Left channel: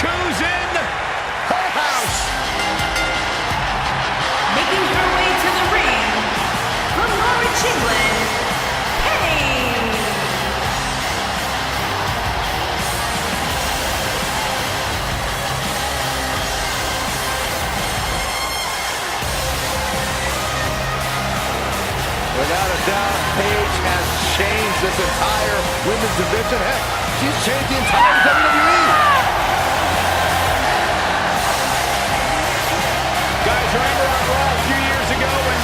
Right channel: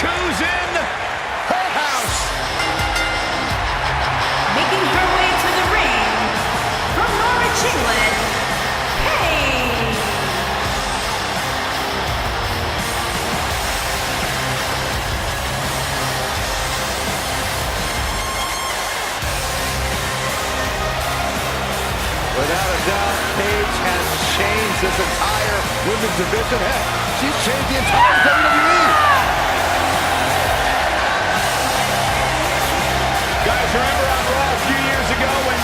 Look who's in her house. Making her way to the ring from Norwich, England, Paige. Without a doubt, Paige has changed this entire women's division. Heck, she's changed the entire WWE. Guys, remember on Raw a few years ago when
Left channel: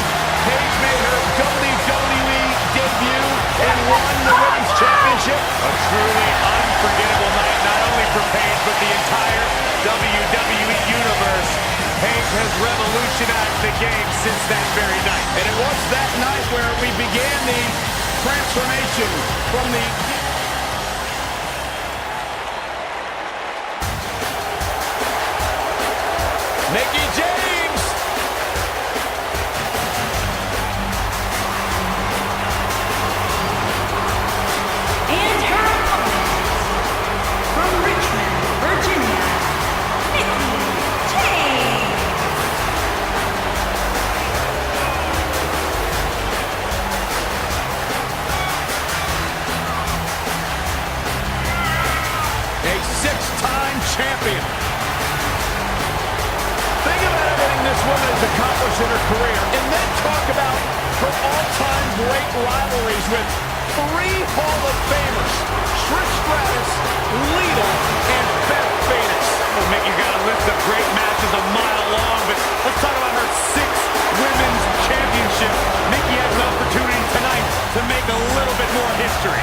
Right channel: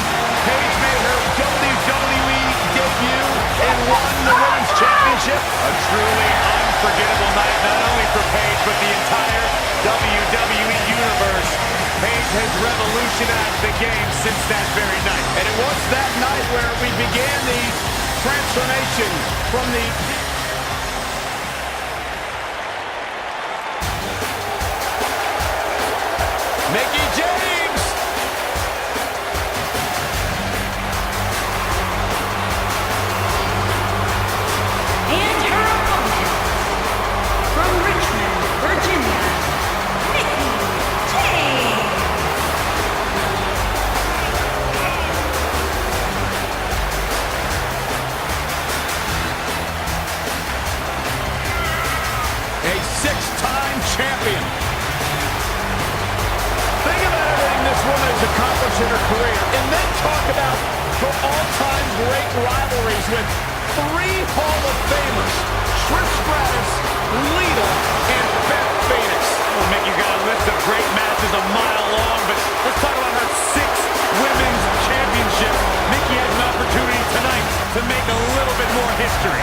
Paige made her WWE debut and won the Women's Championship? A truly unforgettable night, not only for Paige, but the entire WWE Universe. Paige has revolutionized the game since that very night. And it was that night where we began the transformation from the... Mickie James! And her opponent, from Richmond, Virginia, Mickie James. A six-time champion. Think about everything this woman has accomplished in her career, and then talk about her all-time great rivalries with three Hall of Famers, Trish Stratus, Lita, and Beth Phoenix. Well, Mick, you got a list of great matches a mile long, but let's talk about her 6 women's championships. Mickie has an opportunity tonight to make a little bit more history.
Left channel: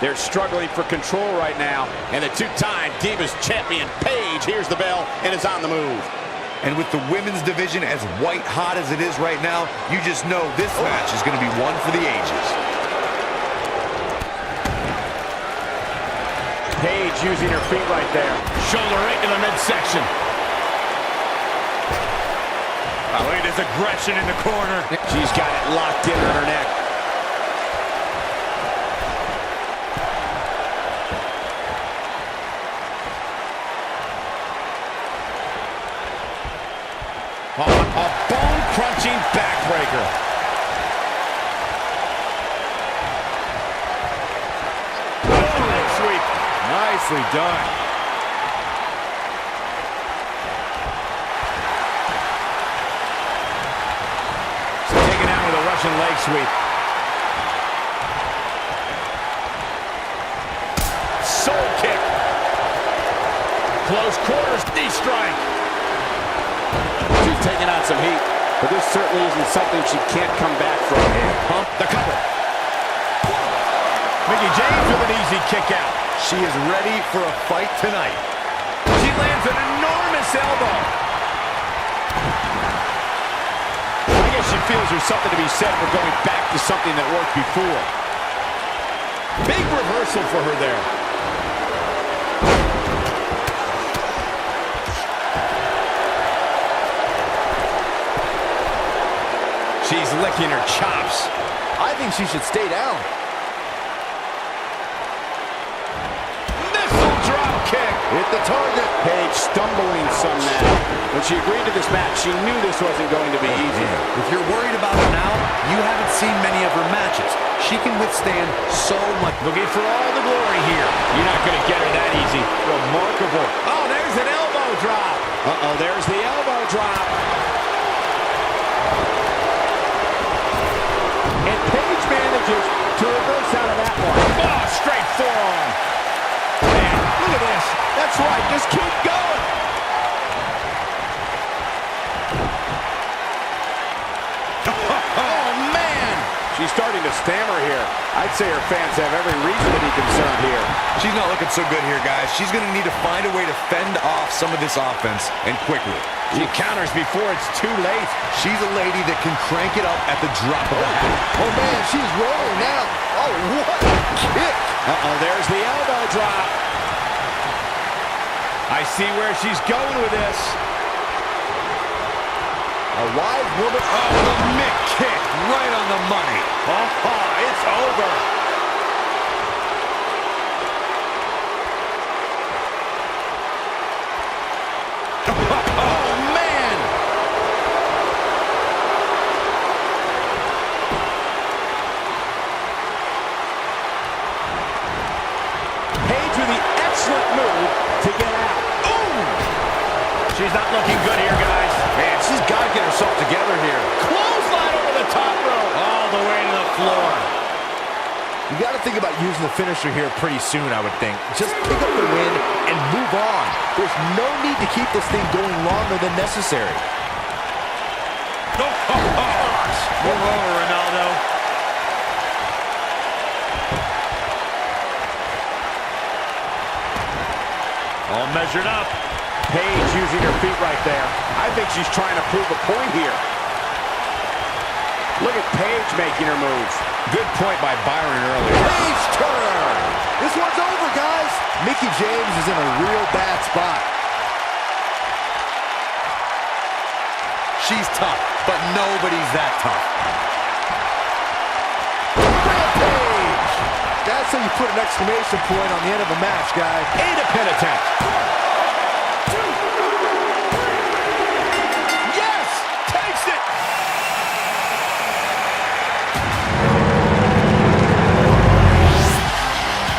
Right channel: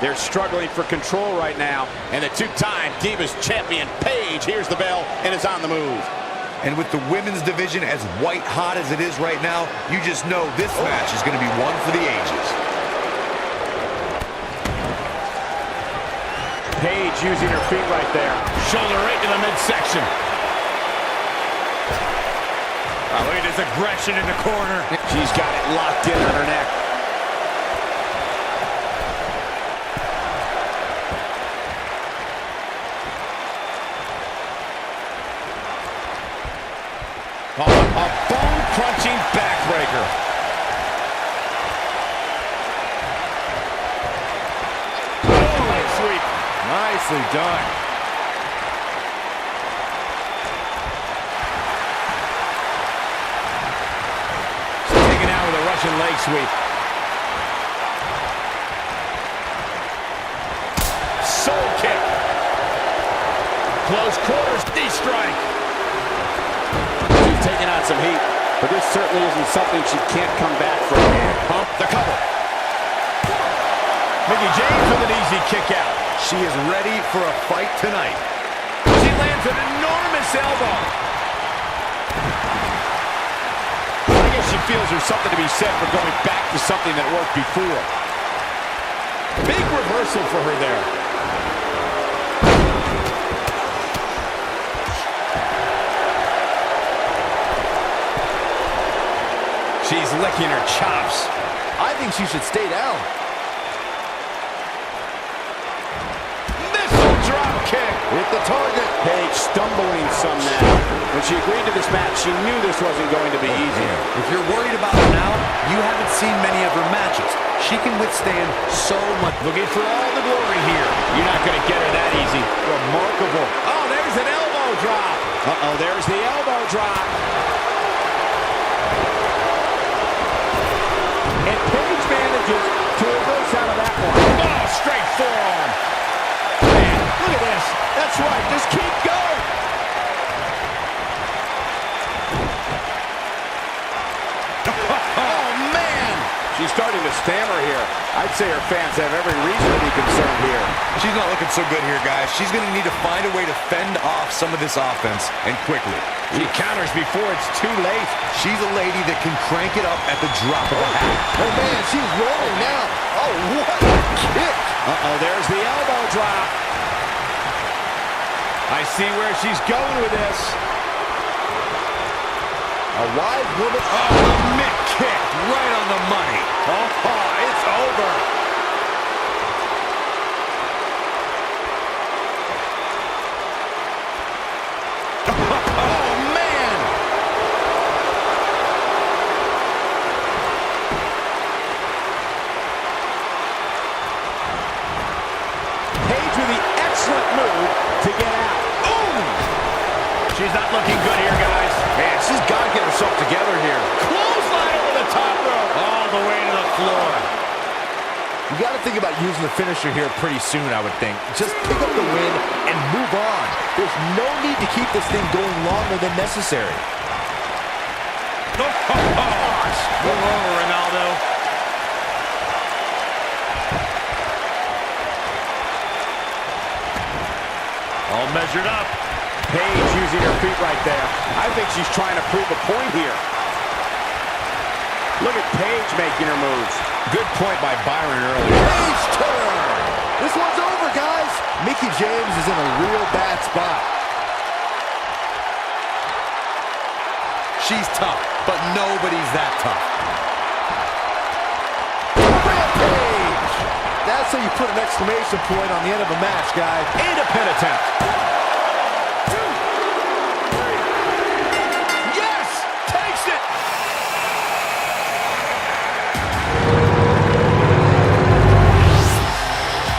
They're struggling for control right now. And the two-time Divas champion, Paige, hears the bell and is on the move. And with the women's division as white hot as it is right now, you just know this match is going to be one for the ages. Paige using her feet right there. Shoulder right in the midsection. Oh, look at this aggression in the corner. She's got it locked in on her neck. A bone-crunching backbreaker. Leg sweep. Nicely done. She's taken out with a Russian leg sweep. Soul kick. Close quarters, knee strike. She's taking on some heat, but this certainly isn't something she can't come back from. And pump the cover. Mickie James with an easy kick out. She is ready for a fight tonight. She lands an enormous elbow. I guess she feels there's something to be said for going back to something that worked before. Big reversal for her there. She's licking her chops. I think she should stay down. Missile drop kick. Hit the target. Paige stumbling some now. When she agreed to this match, she knew this wasn't going to be easy. If you're worried about her now, you haven't seen many of her matches. She can withstand so much. Looking for all the glory here. You're not going to get her that easy. Remarkable. Oh, there's an elbow drop. Uh-oh, there's the elbow drop. And Paige manages to reverse out of that one. Oh, straight forearm. Man, look at this. That's right. Just keep going. Oh, man. She's starting to stammer here. I'd say her fans have every reason to be concerned here. She's not looking so good here, guys. She's going to need to find a way to fend off some of this offense, and quickly. She counters before it's too late. She's a lady that can crank it up at the drop of a hat. Oh, man, she's rolling now. Oh, what a kick. Uh-oh, there's the elbow drop. I see where she's going with this. A wise woman. Oh, the mitt kick right on the money. Oh, it's over. Oh, man. Paige with the excellent move to get out. Ooh! She's not looking good here, guys. Man, she's got to get herself together here. Clothesline over the top rope. All the way to the floor. You got to think about using the finisher here pretty soon, I would think. Just pick up the win and move on. There's no need to keep this thing going longer than necessary. Oh, gosh. Move over, Ronaldo. All measured up. Paige using her feet right there. I think she's trying to prove a point here. Look at Paige making her moves. Good point by Byron earlier. Paige turn. This one's over, guys. Mickie James is in a real bad spot. She's tough, but nobody's that tough. Rampage. That's how you put an exclamation point on the end of a match, guys. And a pin attempt. 1, 2, 3. Yes! Takes it!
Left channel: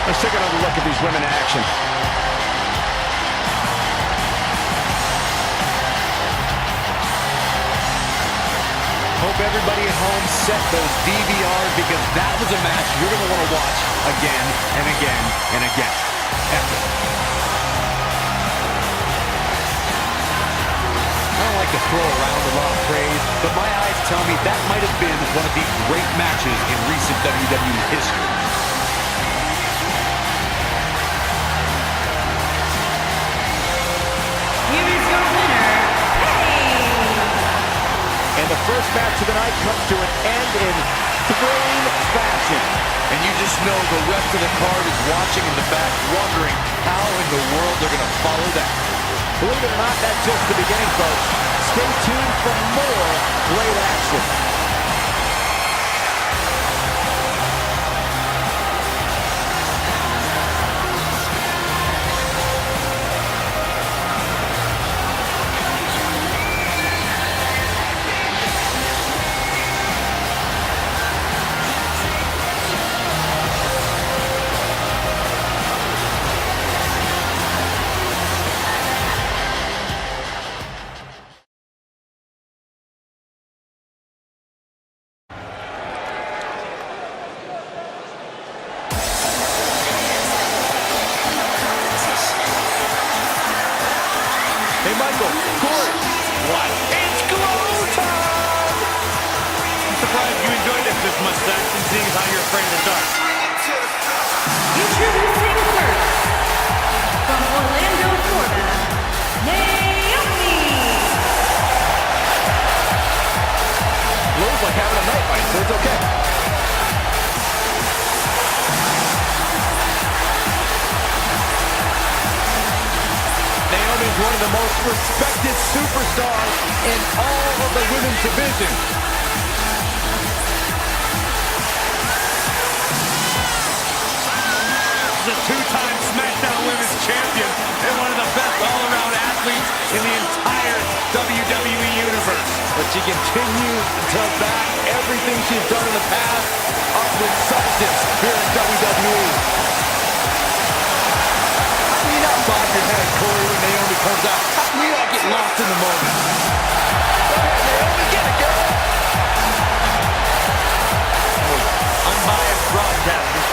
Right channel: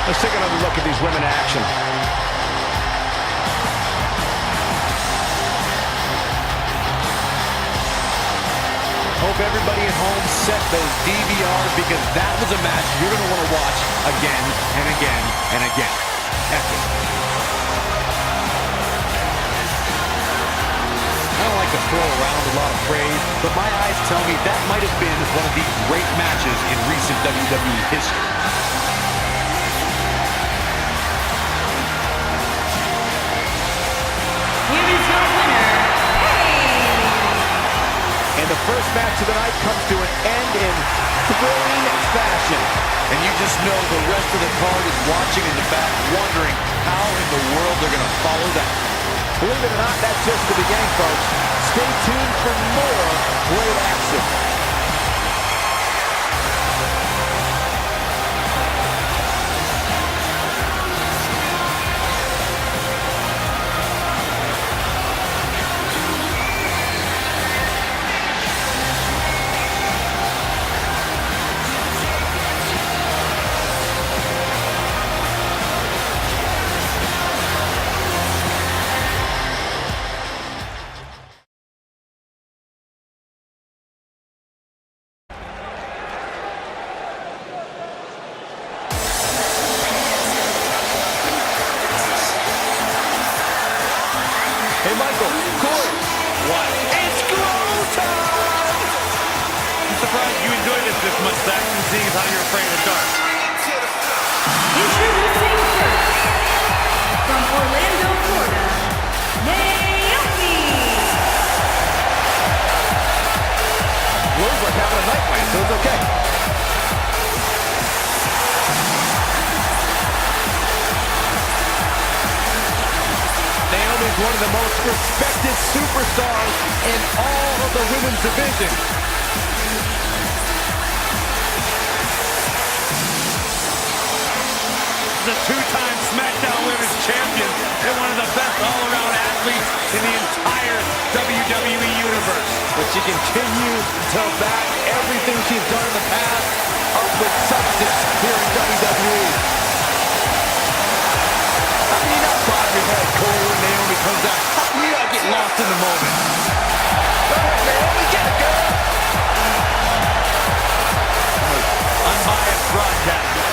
Let's take another look at these women in action. Hope everybody at home set those DVRs because that was a match you're going to want to watch again and again and again. Epic. I don't like to throw around a lot of praise, but my eyes tell me that might have been one of the great matches in recent WWE history. Here is your winner, Paige. And the first match of the night comes to an end in thrilling fashion. And you just know the rest of the card is watching in the back, wondering how in the world they're going to follow that. Believe it or not, that's just the beginning, folks. Stay tuned for more great action. Hey, Michael, Corey. What? It's glow time! I'm surprised you enjoyed this much, Saxton, seeing as how you're afraid of the dark. Introducing first, from Orlando, Florida, Naomi. Glow's like having a night fight, so it's okay. Naomi is one of the most respected superstars in all of the women's division. She's a two-time SmackDown Women's Champion and one of the best all-around athletes in the entire WWE Universe. But she continues to back everything she's done in the past up with substance here in WWE. How can you not bob your head, Corey, when Naomi comes out? How can you not get lost in the moment? Go ahead, Naomi, get it, girl! Unbiased broadcaster.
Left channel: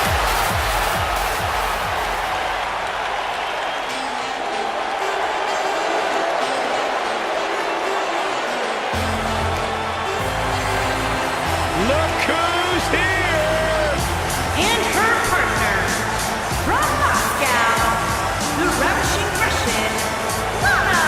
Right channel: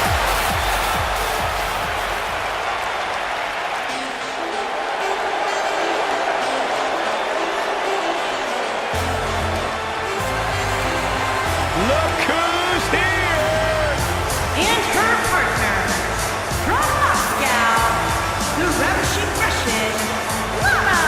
Look who's here! And her partner, from Moscow, the ravishing Russian, Lana.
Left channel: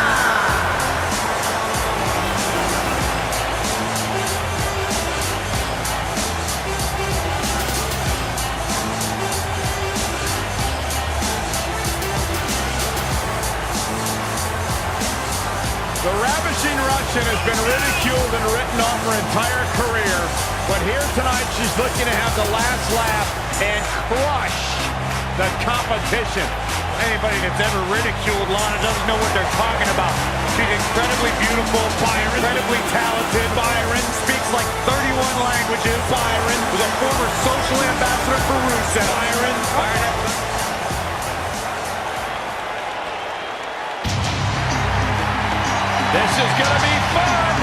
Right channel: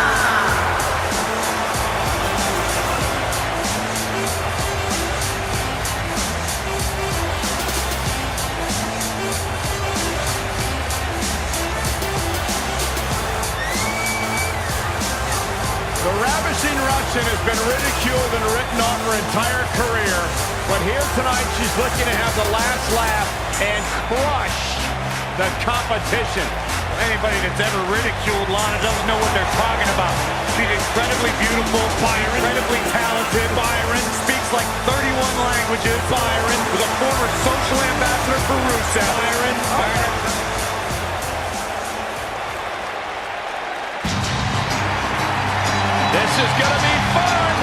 discussion has been ridiculed and written off her entire career. But here tonight, she's looking to have the last laugh and crush the competition. Anybody that's ever ridiculed Lana doesn't know what they're talking about. She's incredibly beautiful, incredibly talented. Byron speaks like 31 languages. Byron was a former social ambassador for Rusev. Byron. This is going to be fun.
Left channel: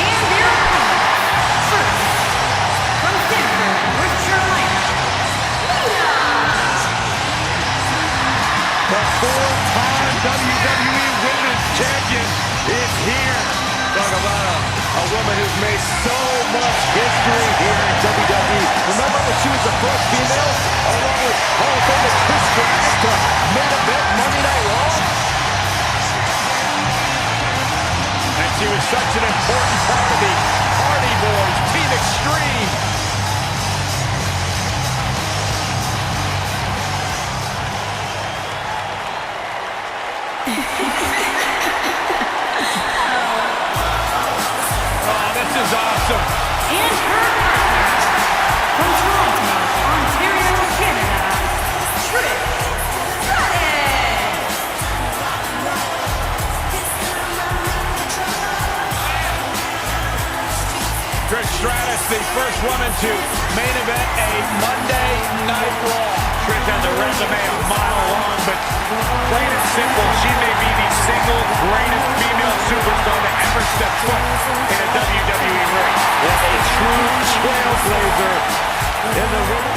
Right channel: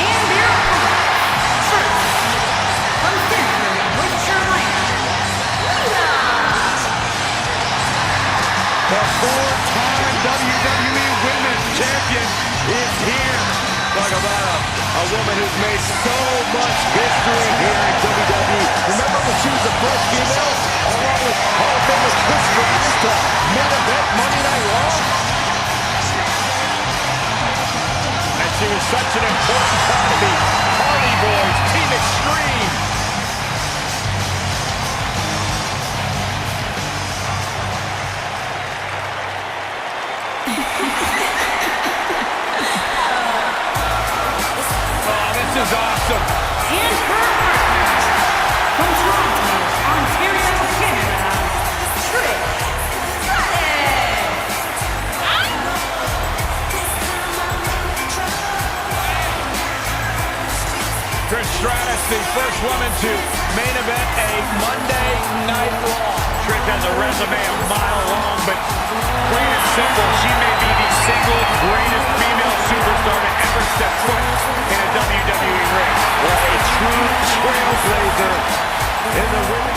And their opponent, first, from Stanford, North Carolina, Lita. The four-time WWE Women's Champion is here. Talk about a woman who's made so much history here in WWE. Remember when she was the first female, along with Hall of Famer Trish Stratus, to main event Monday Night Raw? And she was such an important part of the Hardy Boys, Team Extreme. This is awesome. And her partner, from Toronto, Ontario, Canada, Trish Stratus. Trish Stratus, the first woman to main event a Monday Night Raw. Trish has a resume a mile long, but plain and simple, she may be the single greatest female superstar to ever step foot in a WWE ring. Yeah, a true trailblazer in the ring.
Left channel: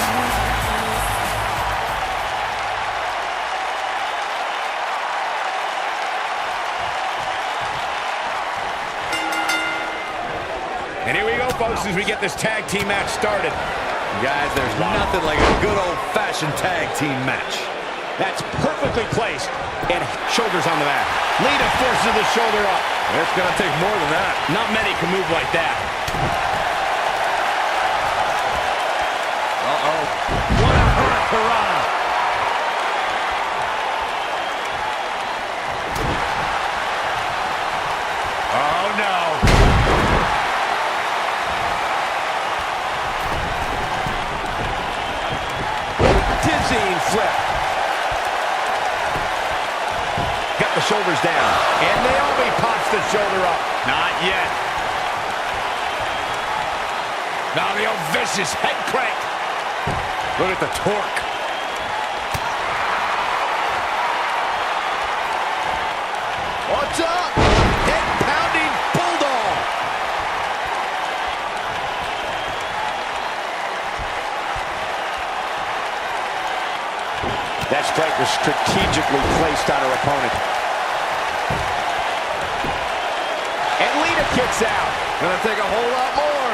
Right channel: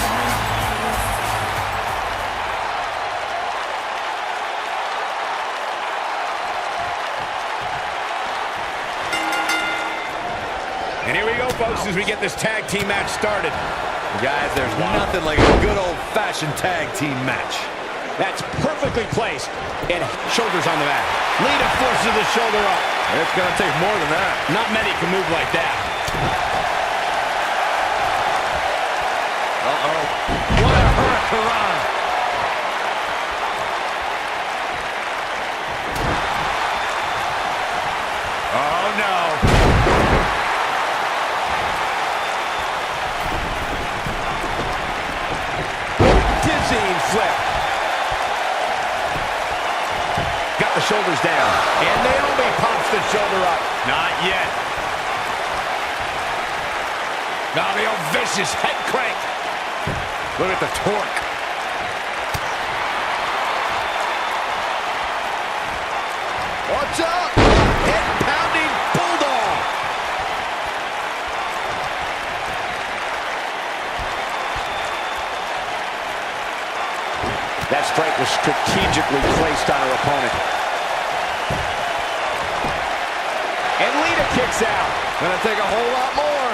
And here we go, folks, as we get this tag team match started. Guys, there's nothing like a good old-fashioned tag team match. That's perfectly placed. And shoulders on the mat. Lita forces the shoulder up. It's going to take more than that. Not many can move like that. Uh-oh. What a hurricanrana. Oh, no. Dizzying flip. Got the shoulders down. And Naomi pops the shoulder up. Not yet. Now the old vicious head crank. Look at the torque. Watch out! Head pounding bulldog. That strike was strategically placed on her opponent. And Lita kicks out. Gonna take a whole lot more.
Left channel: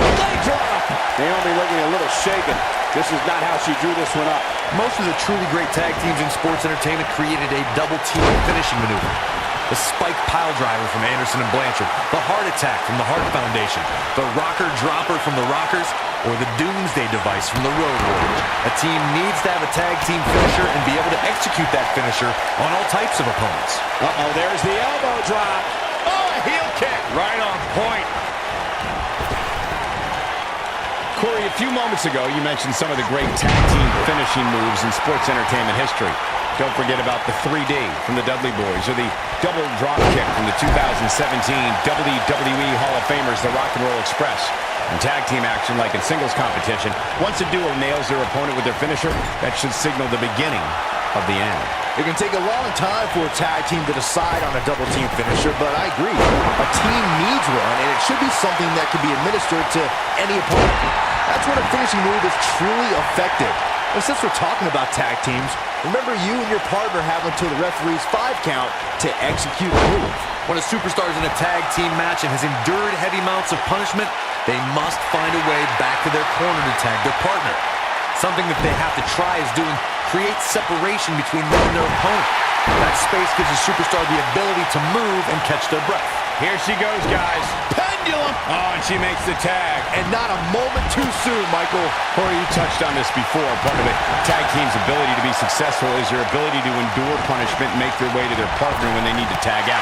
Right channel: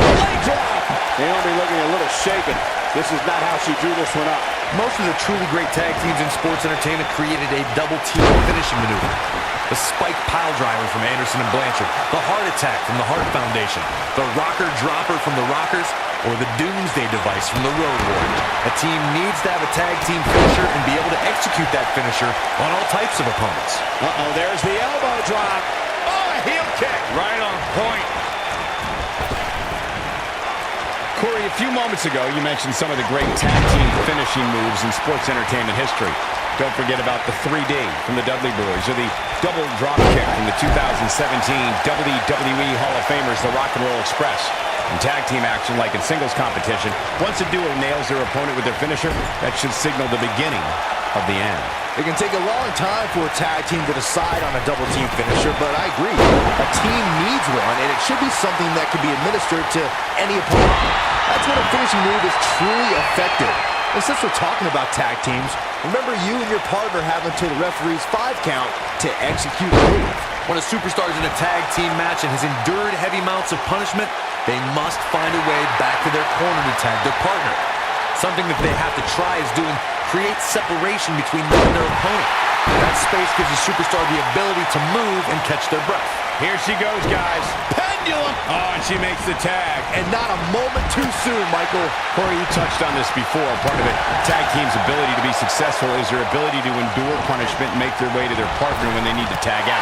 Leg drop. Naomi looking a little shaken. This is not how she drew this one up. Most of the truly great tag teams in sports entertainment created a double team finishing maneuver. The spike pile driver from Anderson and Blanchard, the heart attack from the Hart Foundation, the rocker dropper from the Rockers, or the doomsday device from the Road Warriors. A team needs to have a tag team finisher and be able to execute that finisher on all types of opponents. Uh-oh, there's the elbow drop. Oh, a heel kick. Right on point. Corey, a few moments ago, you mentioned some of the great tag team finishing moves in sports entertainment history. Don't forget about the 3D from the Dudley Boys, or the double drop kick from the 2017 WWE Hall of Famers, the Rock and Roll Express. In tag team action, like in singles competition, once a duo nails their opponent with their finisher, that should signal the beginning of the end. It can take a long time for a tag team to decide on a double team finisher, but I agree. A team needs one, and it should be something that can be administered to any opponent. That's when a finishing move is truly effective. And since we're talking about tag teams, remember you and your partner have until the referee's 5 count to execute the move. When a superstar is in a tag team match and has endured heavy amounts of punishment, they must find a way back to their corner to tag their partner. Something that they have to try is doing create separation between them and their opponent. That space gives the superstar the ability to move and catch their breath. Here she goes, guys. Pendulum. Oh, and she makes the tag. And not a moment too soon, Michael. Corey, you touched on this before. Part of a tag team's ability to be successful is their ability to endure punishment and make their way to their partner when they need to tag out.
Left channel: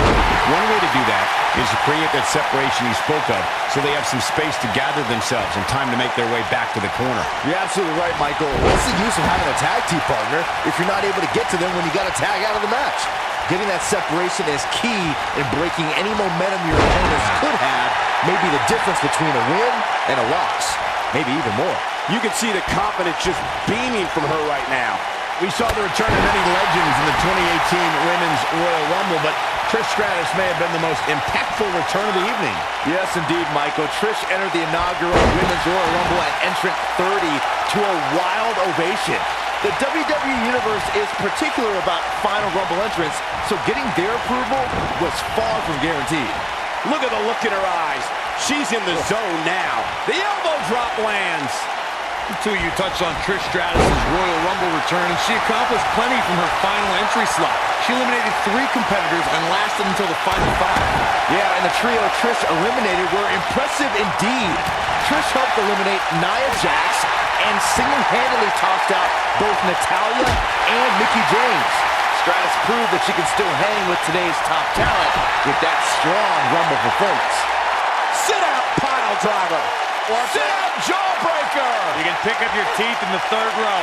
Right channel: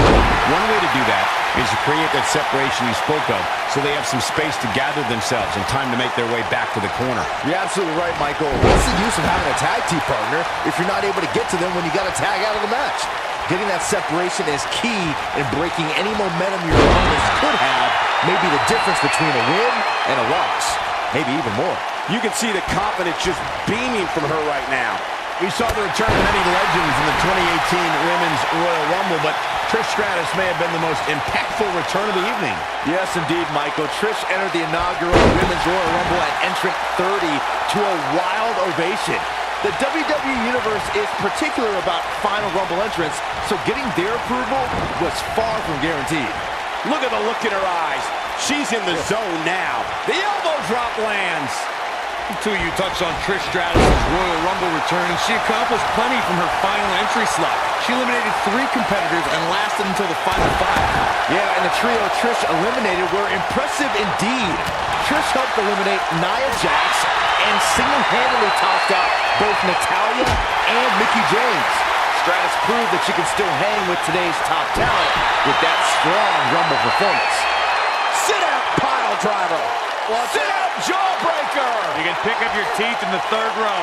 One way to do that is to create that separation you spoke of so they have some space to gather themselves and time to make their way back to the corner. You're absolutely right, Michael. What's the use of having a tag team partner if you're not able to get to them when you got to tag out of the match? Getting that separation is key in breaking any momentum your opponents could have. Maybe the difference between a win and a loss. Maybe even more. You can see the confidence just beaming from her right now. We saw the return of many legends in the 2018 Women's Royal Rumble, but Trish Stratus may have been the most impactful return of the evening. Yes, indeed, Michael. Trish entered the inaugural Women's Royal Rumble at entrant 30 to a wild ovation. The WWE Universe is particular about Final Rumble entrants, so getting their approval was far from guaranteed. Look at the look in her eyes. She's in the zone now. The elbow drop lands. Two, you touched on Trish Stratus' Royal Rumble return, and she accomplished plenty from her final entry slot. She eliminated 3 competitors and lasted until the final 5. Yeah, and the trio Trish eliminated were impressive indeed. Trish helped eliminate Nia Jax and single-handedly tossed out both Natalya and Mickie James. Stratus proved that she can still hang with today's top talent with that strong Rumble performance. Sit out pile driver. Sit out jawbreaker. You can pick up your teeth in the 3rd row.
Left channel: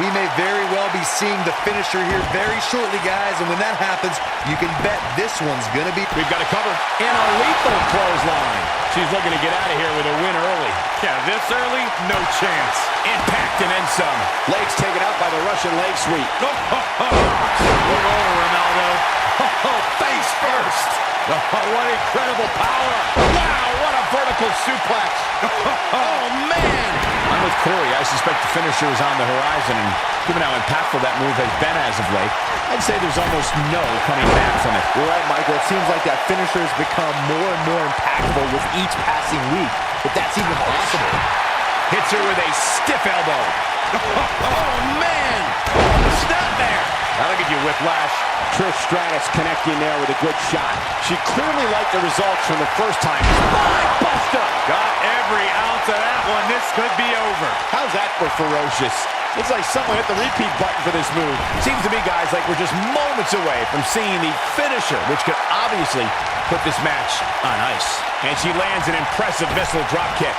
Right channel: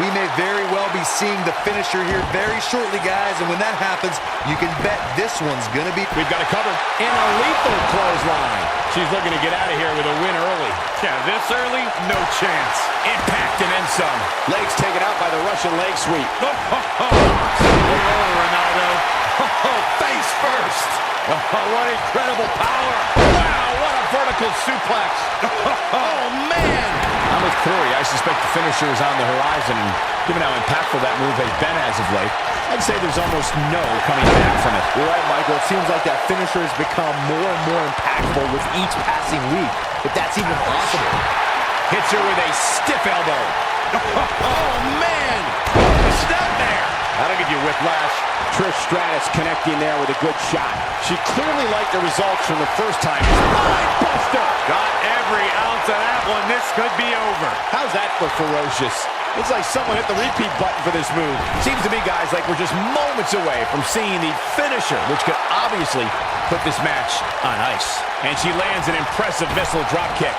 We may very well be seeing the finisher here very shortly, guys, and when that happens, you can bet this one's gonna be... We've got a cover. And a lethal clothesline. She's looking to get out of here with a win early. Yeah, this early, no chance. Impact and then some. Legs taken out by the Russian leg sweep. Oh, over, Ronaldo. Oh, face first. Oh, what incredible power. Wow, what a vertical suplex. Oh, man. I'm with Corey. I suspect the finisher is on the horizon, and given how impactful that move has been as of late, I'd say there's almost no coming back from it. You're right, Michael. It seems like that finisher has become more and more impactful with each passing week, if that's even possible. Hits her with a stiff elbow. Oh, man. Snap there. That'll give you whiplash. Trish Stratus connecting there with a good shot. She clearly liked the results from the first time. Spine buster. Got every ounce of that one. This could be over. How's that for ferocious? It's like someone hit the repeat button for this move. Seems to me, guys, like we're just moments away from seeing the finisher, which could obviously put this match on ice. And she lands an impressive missile drop kick.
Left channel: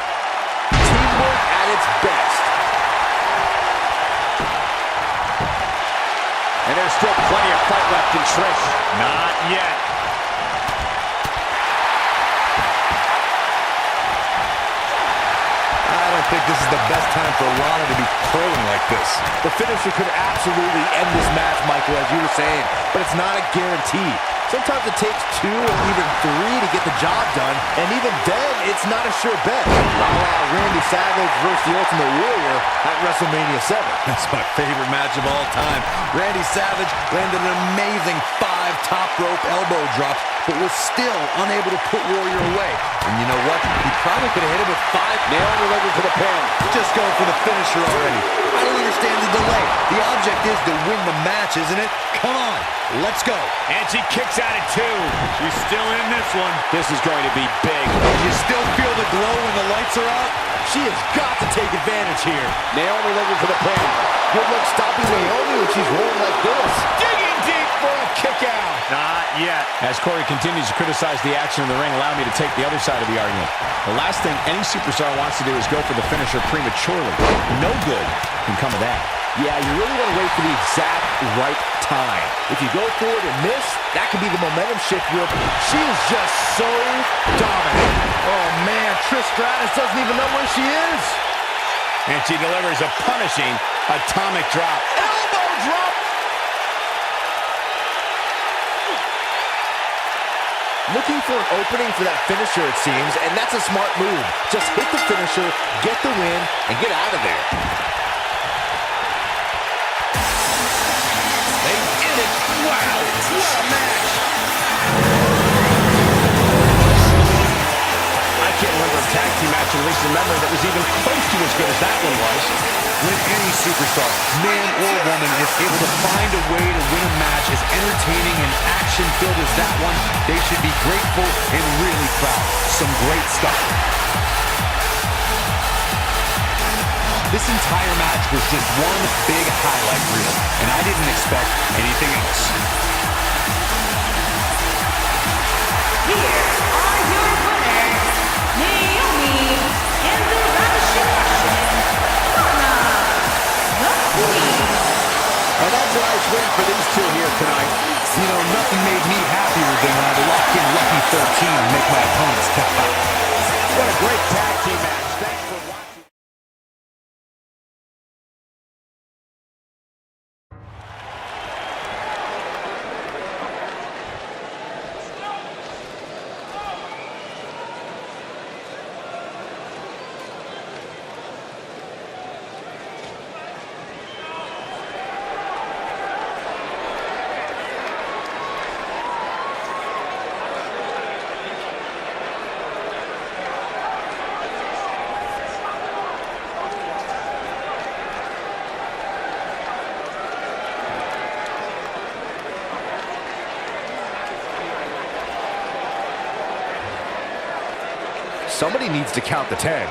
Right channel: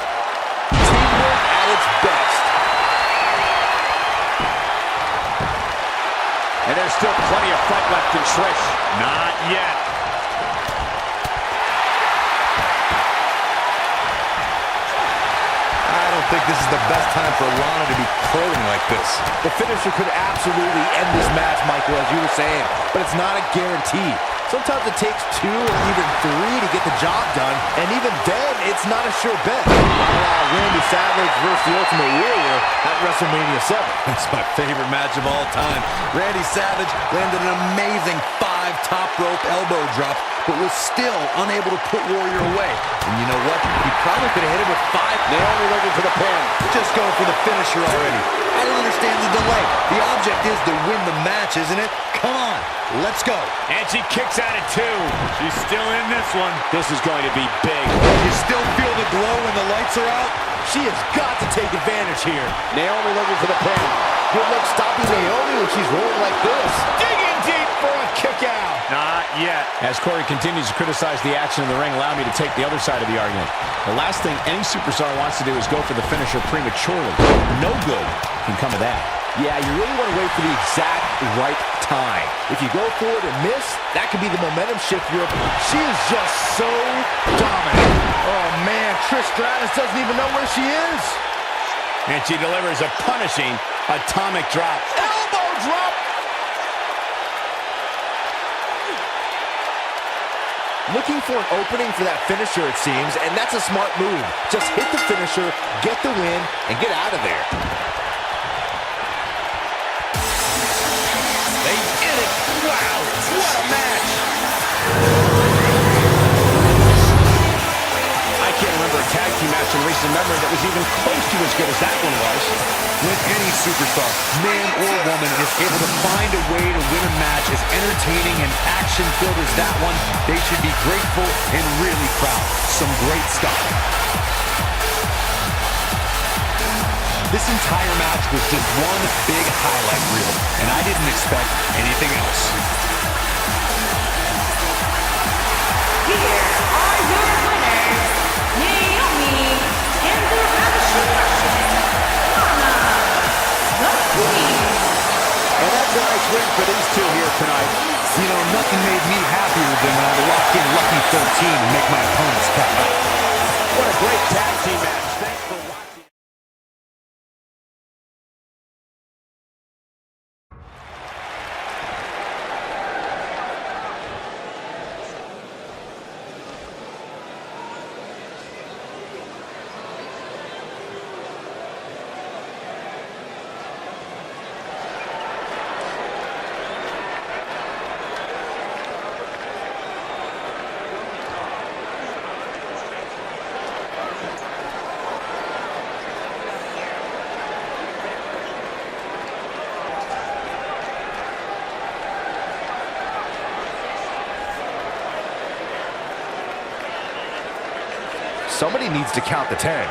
Teamwork at its best. And there's still plenty of fight left in Trish. Not yet. I don't think this is the best time for Lana to be crowing like this. The finisher could absolutely end this match, Michael, as you were saying, but it's not a guarantee. Sometimes it takes 2 or even 3 to get the job done, and even then, it's not a sure bet. A la Randy Savage versus the Ultimate Warrior at WrestleMania 7. That's my favorite match of all time. Randy Savage landed an amazing 5 top rope elbow drops, but was still unable to put Warrior away. And you know what? He probably could have hit him with 5. Naomi looking for the pin. Just go for the finisher already. I don't understand the delay. The object is to win the match, isn't it? Come on, let's go. And she kicks out at 2. She's still in this one. This is going to be big. You still feel the glow when the lights are out? She has got to take advantage here. Naomi looking for the pin. Good luck stopping Naomi when she's rolling like this. Digging deep for a kick out. Not yet. As Corey continues to criticize the action in the ring, allow me to take the other side of the argument. The last thing any superstar wants to do is go for the finisher prematurely. No good can come of that. Yeah, you really want to wait for the exact right time. If you go for it and miss, that could be the momentum shift she is just so dominant. Oh, man, Trish Stratus doesn't even know where she is. And she delivers a punishing atomic drop. Elbow drop. Looking for an opening for that finisher, it seems, and that's a smart move. Just hit the finisher, get the win, and get out of there. They did it. Wow, what a match. I I can't remember a tag team match in recent memory that was even close to as good as that one was. When any superstar, man or woman, is able to find a way to win a match as entertaining and action-filled as that one, they should be grateful and really proud. Some great stuff. This entire match was just one big highlight reel, and I didn't expect anything else. Here are your winners, Naomi and the Ravishing Russian, Lana, the Queen. And that's a nice win for these two here tonight. You know, nothing made me happier than when I lock in Lucky 13 and make my opponents tap out. What a great tag team match. Thanks for watching. Somebody needs to count the 10.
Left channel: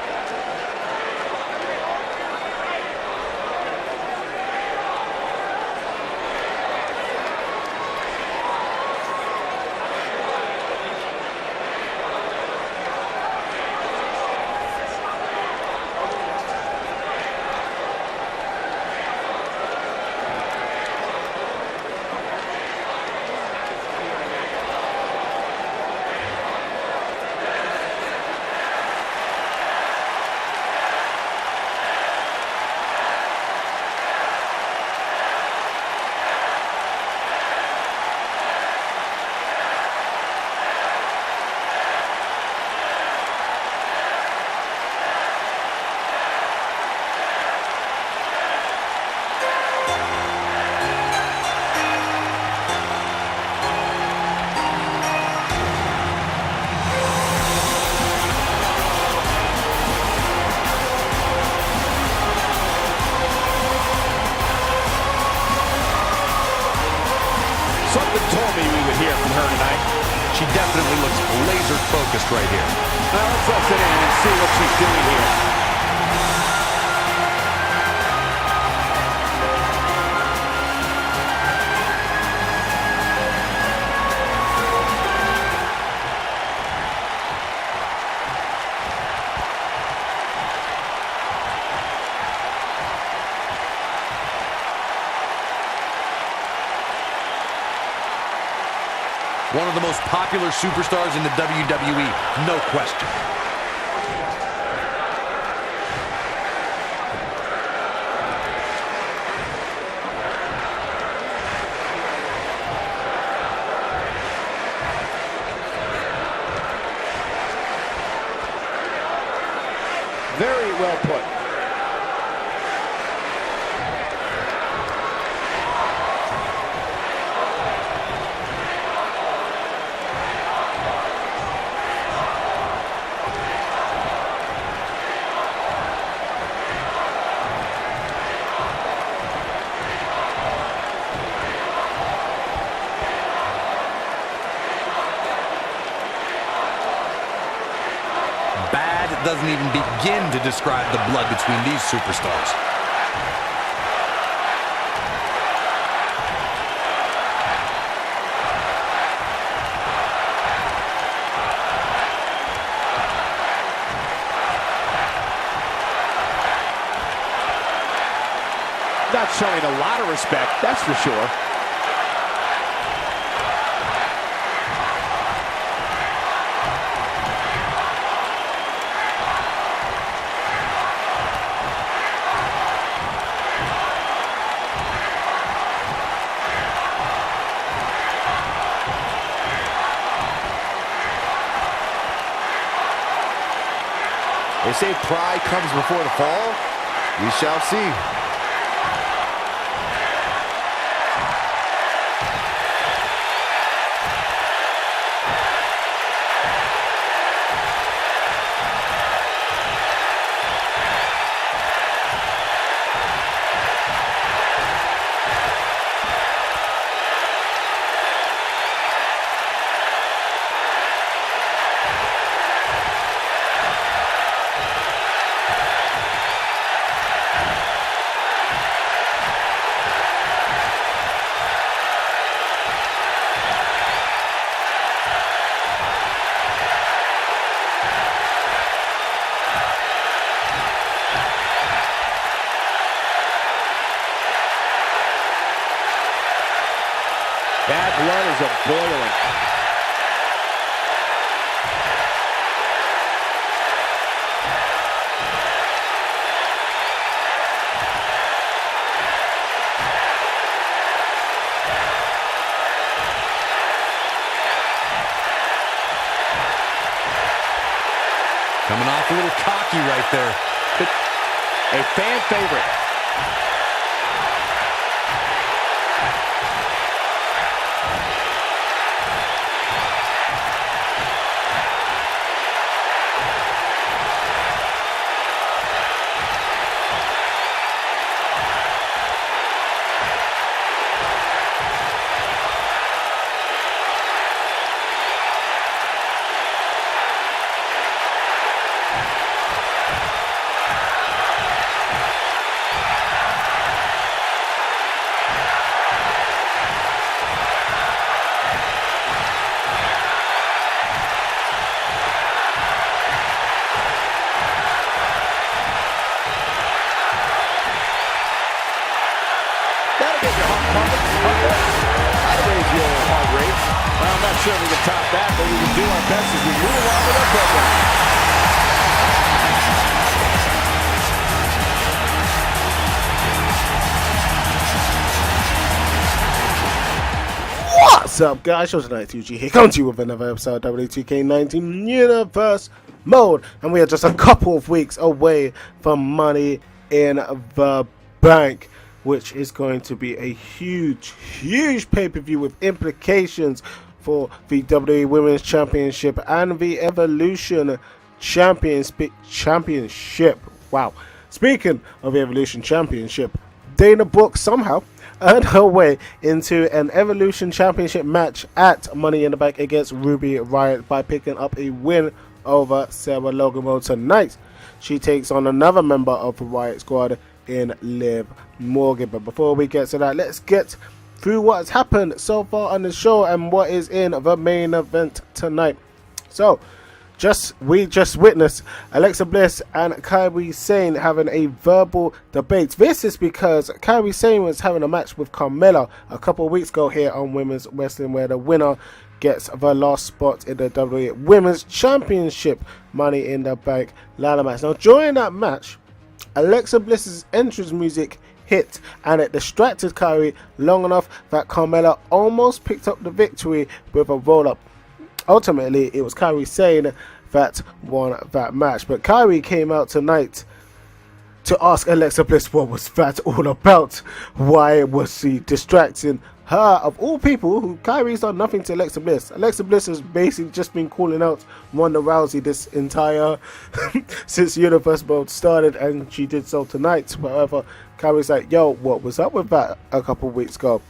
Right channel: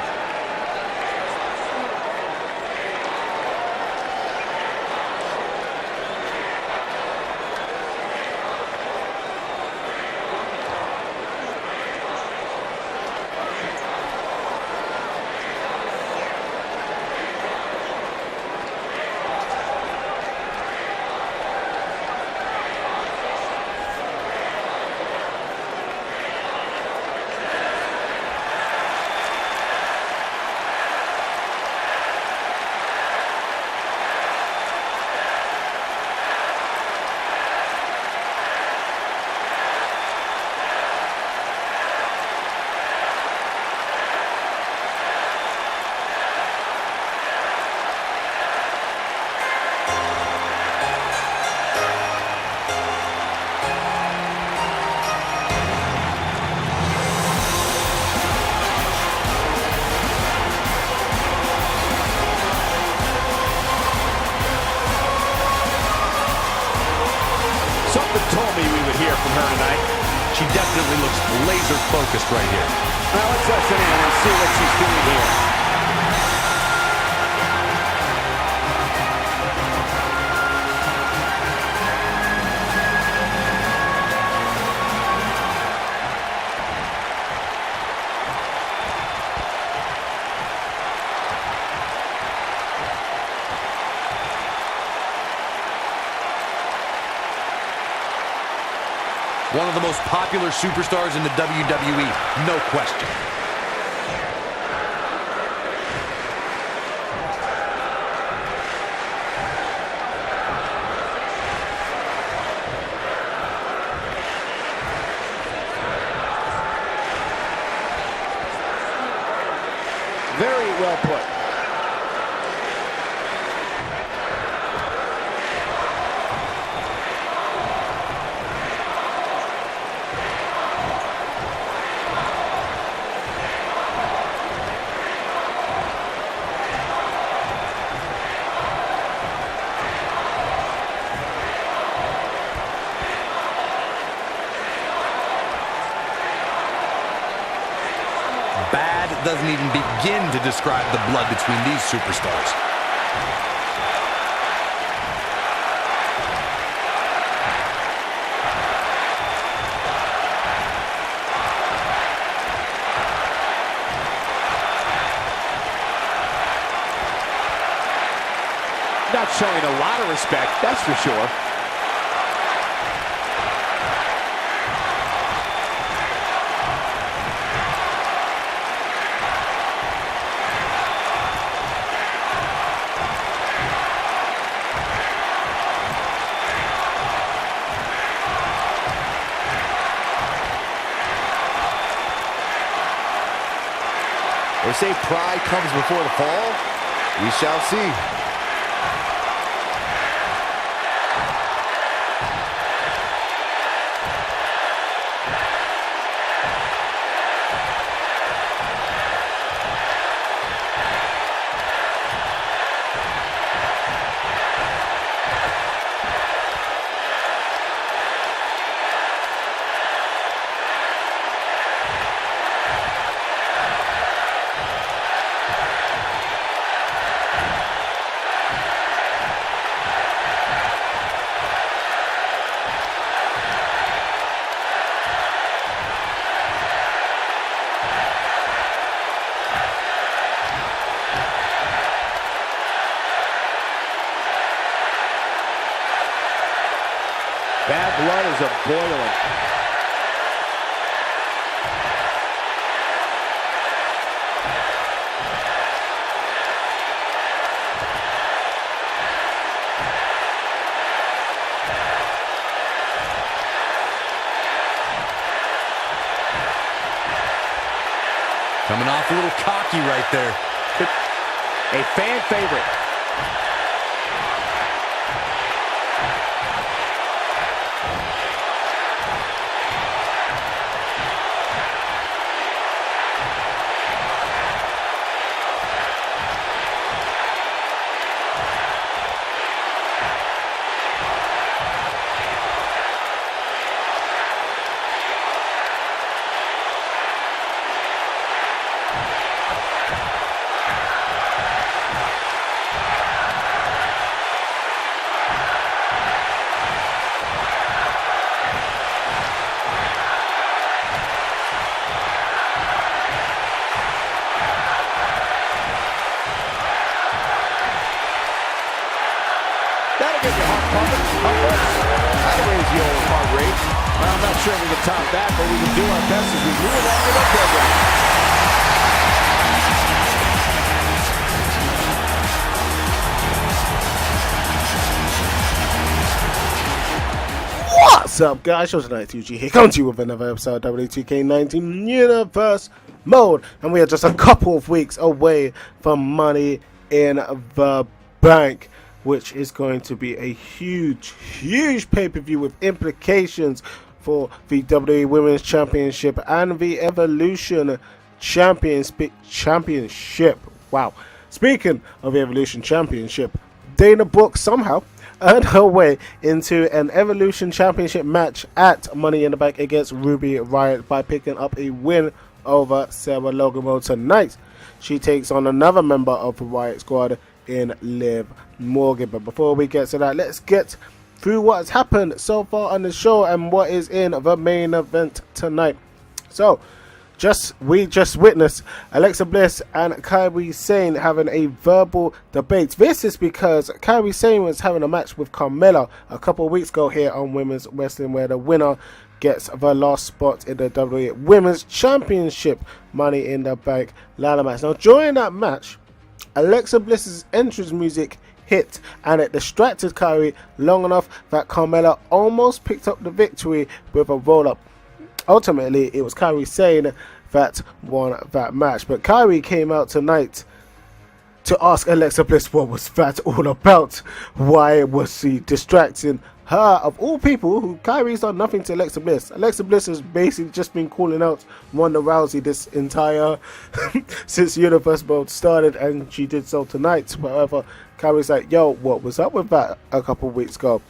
Something told me we would hear from her tonight. She definitely looks laser focused right here. Now let's listen in and see what she's doing here. One of the most popular superstars in the WWE, no question. Very well put. Bad doesn't even begin to describe the blood between these superstars. Not showing a lot of respect, that's for sure. They say pride comes before the fall. We shall see. Bad blood is a-boiling. Coming off a little cocky right there. A fan favorite. That'll get your heart pumping. That'll raise the old heart rate. Well, I'm not sure we can top that, but we will do our best as we move along with our program. What's up, guys? Show tonight, 2G here, coming to you with another episode of W2K19 Universe Mode, and we are just a couple of weeks away from Money in the Bank, which is going to be a huge pay-per-view with implications for the WWE Women's Championship and the Evolution Championship. Wow. Speaking of the Evolution Championship, Dana Brooke somehow earned her way into an Evolution Championship match at Money in the Bank against Ruby Riott by picking up a win over Sarah Logan tonight. She takes on another member of the Riott Squad in Liv Morgan. But before we get to that, let's get through what's happened so far on the show and what is in the main event tonight. So, we just witnessed Alexa Bliss and Kairi Sane having a verbal debate. This is because Kairi Sane was having a match with Carmella a couple of weeks ago here on Women's Wrestling, where the winner gets the last spot in the WWE Women's Championship Money in the Bank ladder match. Now, during that match, Alexa Bliss's entrance music hit and it distracted Kairi long enough that Carmella almost picked up the victory with a roll-up. Ultimately, it was Kairi Sane that won that match. But Kairi came out tonight to ask Alexa Bliss what was that all about. Why was she distracting her, of all people, who Kairi's done nothing to Alexa Bliss. Alexa Bliss has basically just been calling out Ronda Rousey this entire since Universe Mode started, and she did so tonight. However, Kairi's like, yo, what was up with that a couple of weeks ago?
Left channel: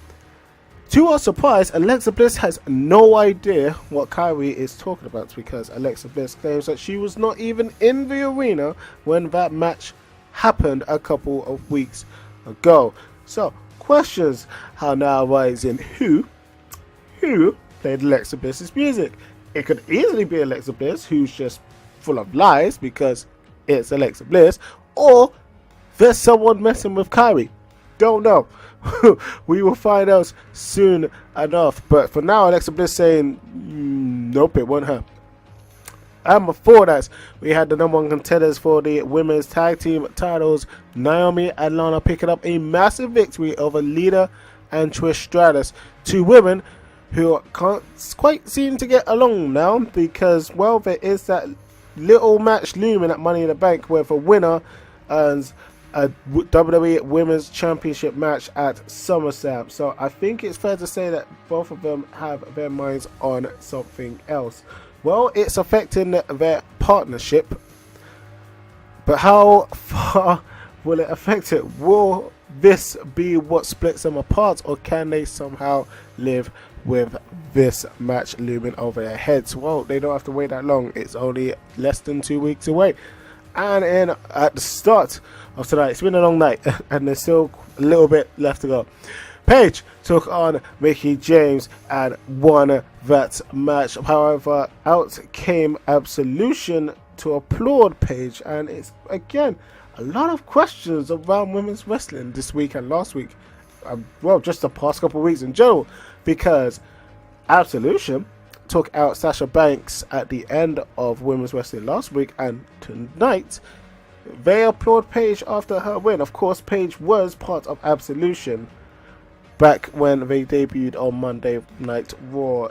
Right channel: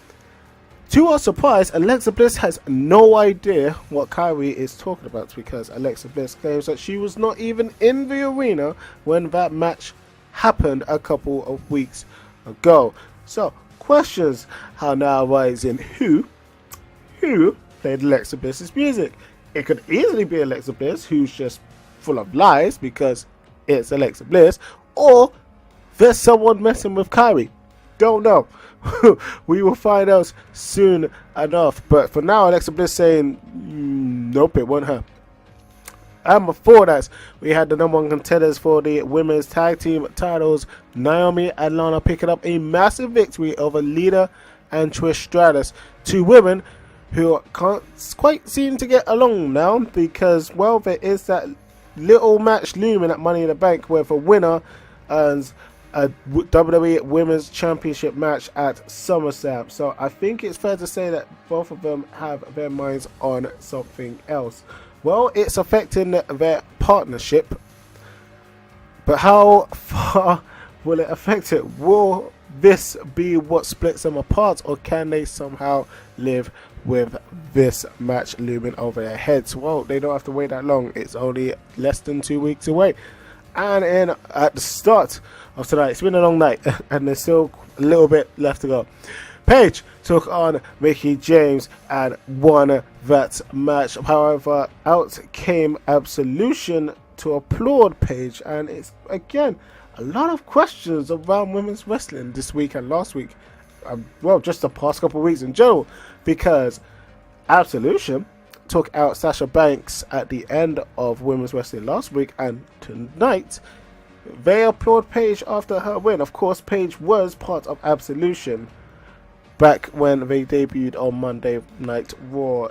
To our surprise, Alexa Bliss has no idea what Kairi is talking about, because Alexa Bliss claims that she was not even in the arena when that match happened a couple of weeks ago. So, questions how now arise in who played Alexa Bliss's music. It could easily be Alexa Bliss, who's just full of lies because it's Alexa Bliss, or there's someone messing with Kairi. Don't know. We will find out soon enough. But for now, Alexa Bliss saying, nope, it wasn't her. And before that, we had the number one contenders for the women's tag team titles, Naomi and Lana, picking up a massive victory over Lita and Trish Stratus. Two women who can't quite seem to get along now, because, well, there is that little match looming at Money in the Bank where the winner earns a WWE Women's Championship match at SummerSlam. So I think it's fair to say that both of them have their minds on something else. Well, it's affecting their partnership, but how far will it affect it? Will this be what splits them apart, or can they somehow live with this match looming over their heads? Well, they don't have to wait that long. It's only less than 2 weeks away. And at the start of tonight, it's been a long night, and there's still a little bit left to go. Paige took on Mickie James and won that match. However, out came Absolution to applaud Paige, and it's, again, a lot of questions around women's wrestling this week and last week. well, just the past couple of weeks in general, because Absolution took out Sasha Banks at the end of Women's Wrestling last week, and tonight they applaud Paige after her win. Of course, Paige was part of Absolution back when they debuted on Monday Night Raw.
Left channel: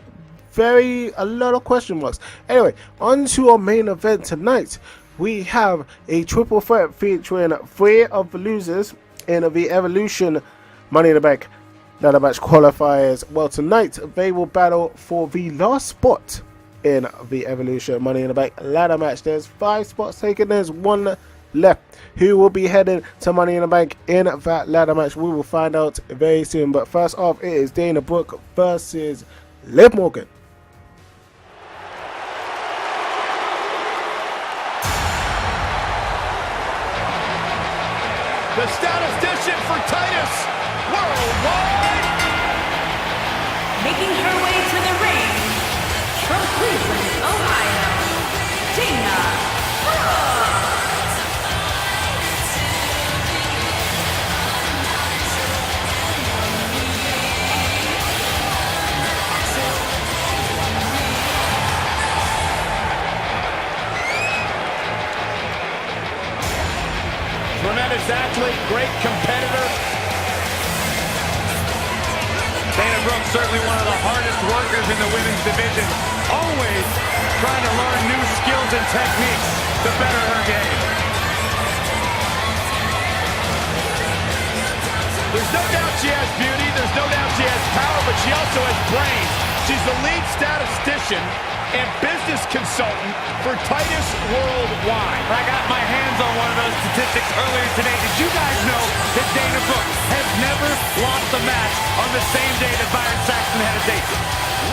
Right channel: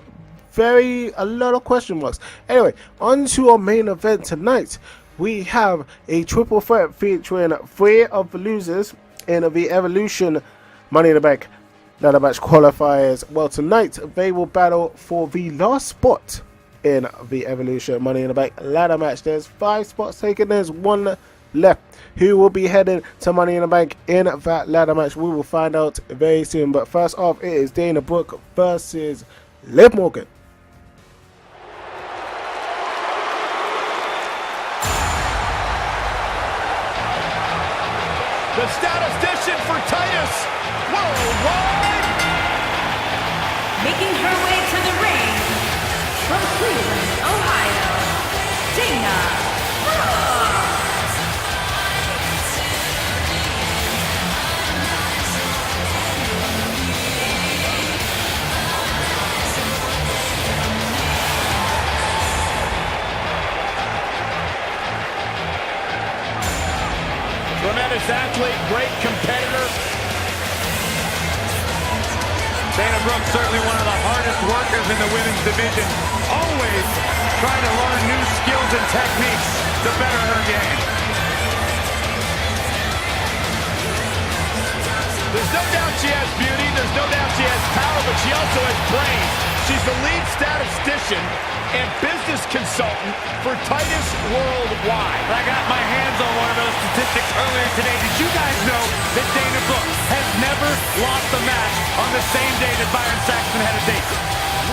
A lot of question marks. Anyway, on to our main event tonight. We have a triple threat featuring 3 of the losers in the Evolution Money in the Bank ladder match qualifiers. Well, tonight they will battle for the last spot in the Evolution Money in the Bank ladder match. There's 5 spots taken, there's 1 left. Who will be heading to Money in the Bank in that ladder match? We will find out very soon. But first off, it is Dana Brooke versus Liv Morgan. The statistician for Titus Worldwide. Making her way to the ring from Cleveland, Ohio, Dana Brooke. Tremendous athlete, great competitor. Dana Brooke, certainly one of the hardest workers in the women's division. Always trying to learn new skills and techniques to better her game. There's no doubt she has beauty, there's no doubt she has power, but she also has brains. She's the lead statistician and business consultant for Titus Worldwide. I got my hands on one of those statistics earlier today. Did you guys know that Dana Brooke has never lost a match on the same day that Byron Saxton had a date?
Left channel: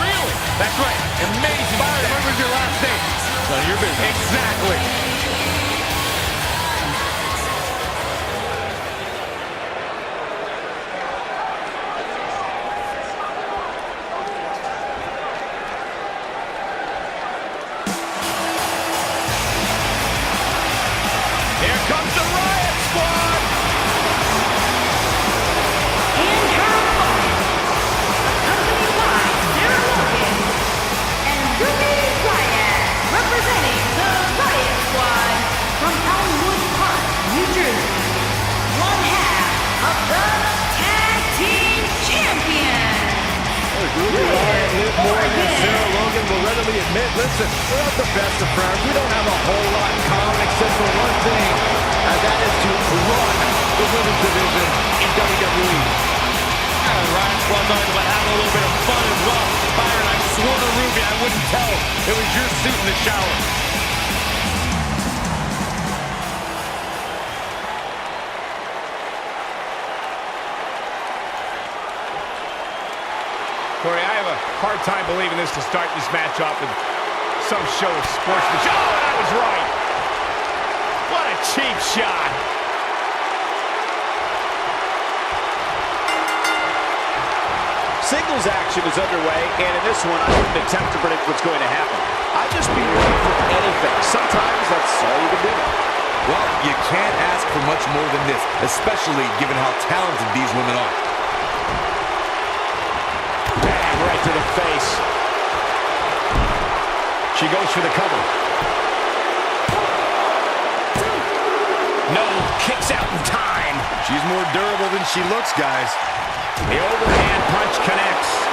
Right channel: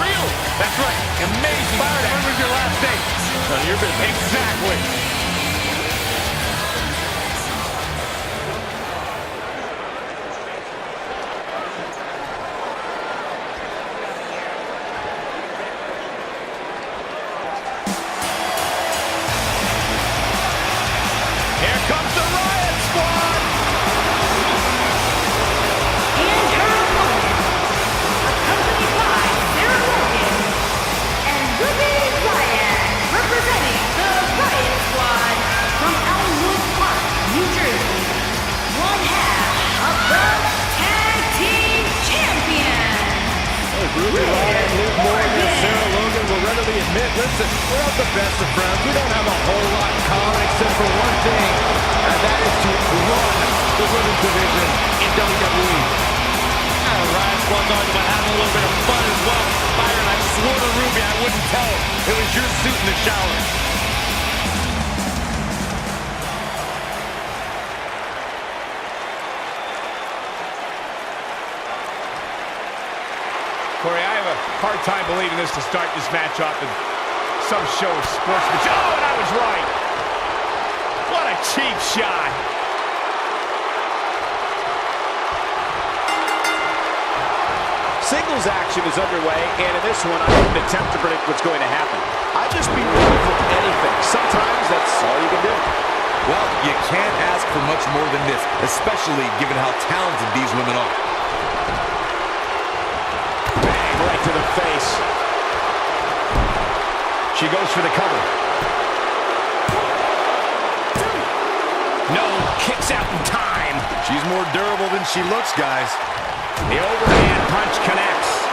Really? That's right. Amazing. Byron, when was your last date? None of your business. Exactly. Here comes the Riot Squad! And her opponent, accompanied by Sarah Logan and Ruby Riot, representing the Riot Squad from Elmwood Park, New Jersey, one half of the Tag Team Champions. Ruby Riot, Liv Morgan, and Sarah Logan will readily admit, listen, we're not the best of friends. We don't have a whole lot in common except for one thing, and that is to run the women's division in WWE. The Riot Squad's always about having a little bit of fun as well. Byron, I swore to Ruby I wouldn't tell her it was your suit in the shower. Corey, I have a hard time believing this to start this match off with some show of sportsmanship. Oh, and I was right. What a cheap shot. Singles action is underway, and in this one, I wouldn't attempt to predict what's going to happen. I'd just be ready for anything. Sometimes that's all you can do. Well, you can't ask for much more than this, especially given how talented these women are. Bang, right to the face. She goes for the cover. No, kicks out in time. She's more durable than she looks, guys. The overhand punch connects.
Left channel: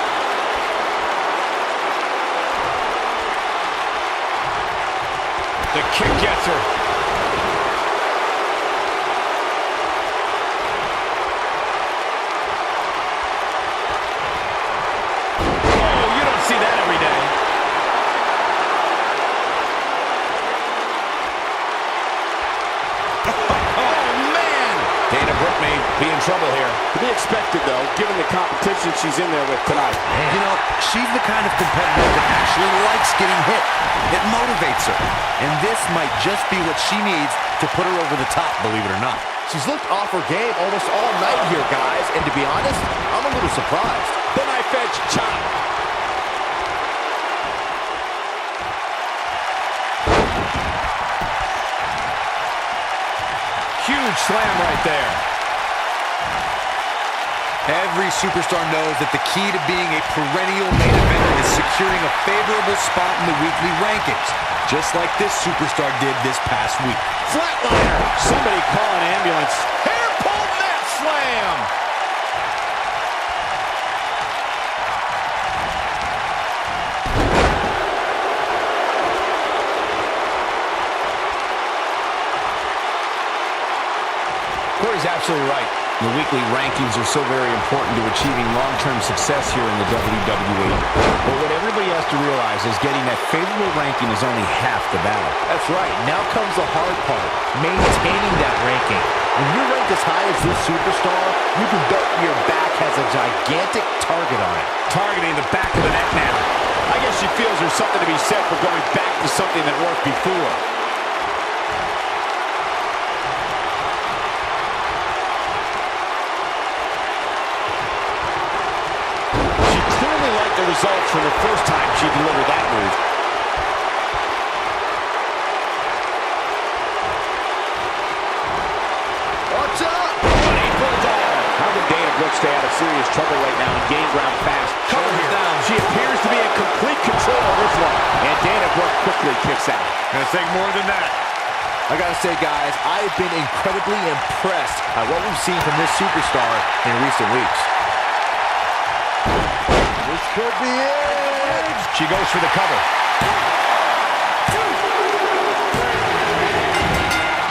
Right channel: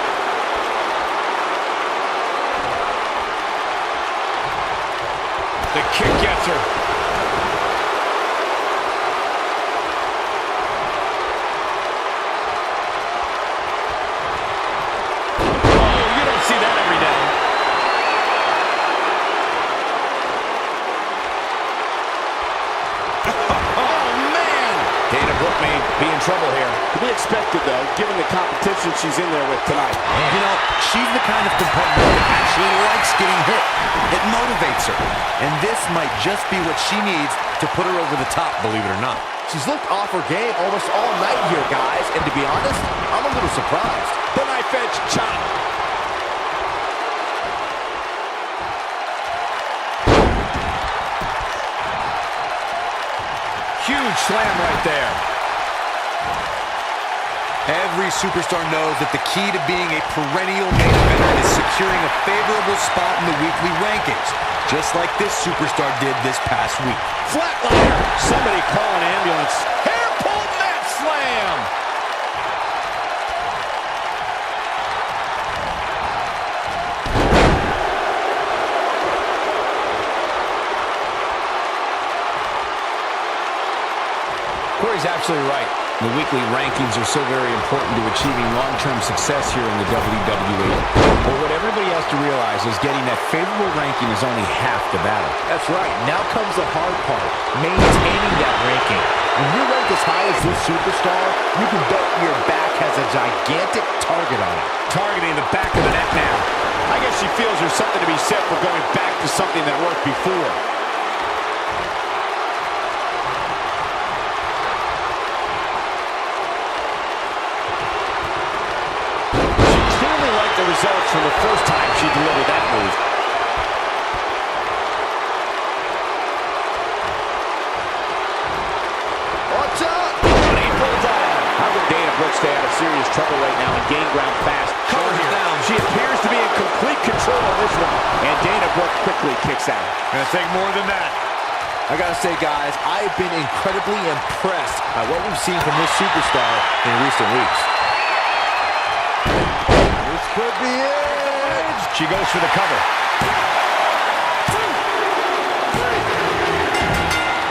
The kick gets her. Oh, you don't see that every day. Dana Brooke may be in trouble here. To be expected, though, given the competition she's in there with tonight. You know, she's the kind of competitor that actually likes getting hit. It motivates her. And this might just be what she needs to put her over the top, believe it or not. She's looked off her game almost all night here, guys. And to be honest, I'm a little surprised. The knife edge chop. Huge slam right there. Every superstar knows that the key to being a perennial main eventer is securing a favorable spot in the weekly rankings, just like this superstar did this past week. Flatliner. Somebody call an ambulance. Hair pull mat slam. Corey's absolutely right. The weekly rankings are so very important to achieving long-term success here in the WWE. But what everybody has to realize is getting that favorable ranking is only half the battle. That's right. Now comes the hard part, maintaining that ranking. When you're ranked as high as this superstar, you can bet your back has a gigantic target on it. Targeting the back of the neck now. I guess she feels there's something to be said for going back to something that worked before. The results from the first time she delivered that move. Watch out! Running bulldog. How can Dana Brooke stay out of serious trouble right now and gain ground fast? Cover here. Down. She appears to be in complete control of this one. And Dana Brooke quickly kicks out. Gonna take more than that. I gotta say, guys, I've been incredibly impressed by what we've seen from this superstar in recent weeks. This could be it. She goes for the cover.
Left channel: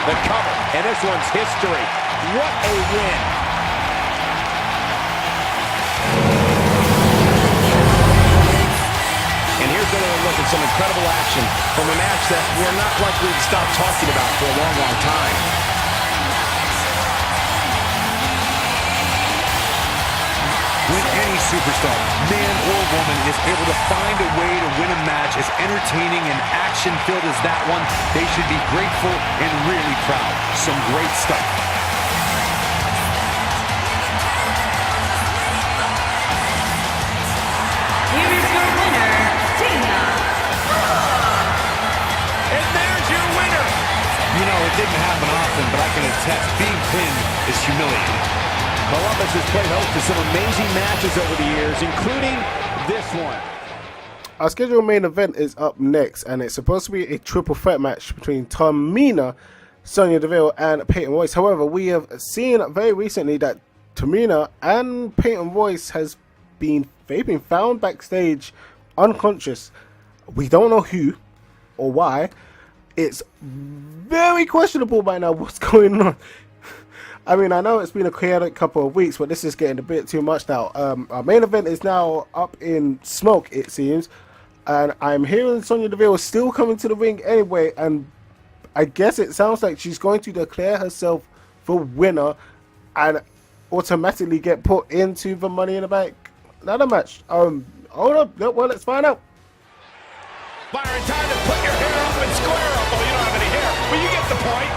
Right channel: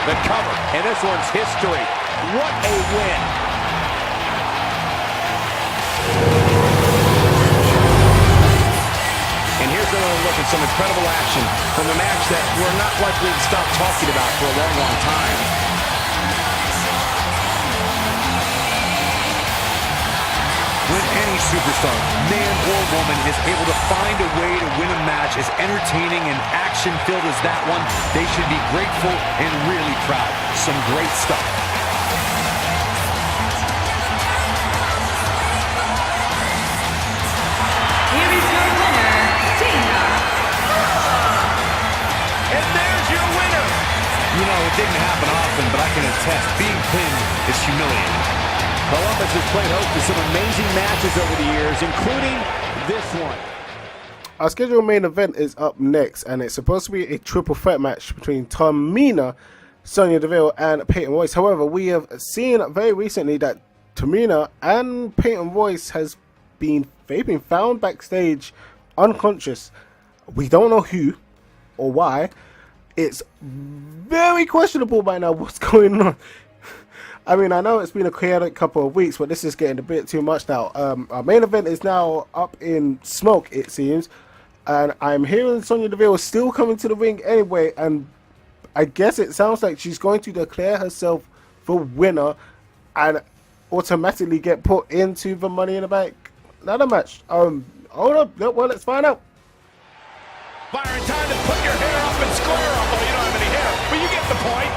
The cover. And this one's history. What a win. And here's another look at some incredible action from a match that we're not likely to stop talking about for a long, long time. When any superstar, man or woman, is able to find a way to win a match as entertaining and action-filled as that one, they should be grateful and really proud. Some great stuff. Here is your winner, Dana Brooke. And there's your winner. You know, it didn't happen often, but I can attest, being pinned is humiliating. Columbus has played host to some amazing matches over the years, including this one. Our scheduled main event is up next, and it's supposed to be a triple threat match between Tamina, Sonya Deville, and Peyton Royce. However, we have seen very recently that Tamina and Peyton Royce they've been found backstage unconscious. We don't know who or why. It's very questionable by now what's going on. I mean, I know it's been a chaotic couple of weeks, but this is getting a bit too much now. Our main event is now up in smoke, it seems. And I'm hearing Sonya Deville is still coming to the ring anyway. And I guess it sounds like she's going to declare herself the winner and automatically get put into the Money in the Bank ladder match. Hold up. Well, let's find out. Byron, time to put your hair up and square up. Oh, you don't have any hair, but you get the point.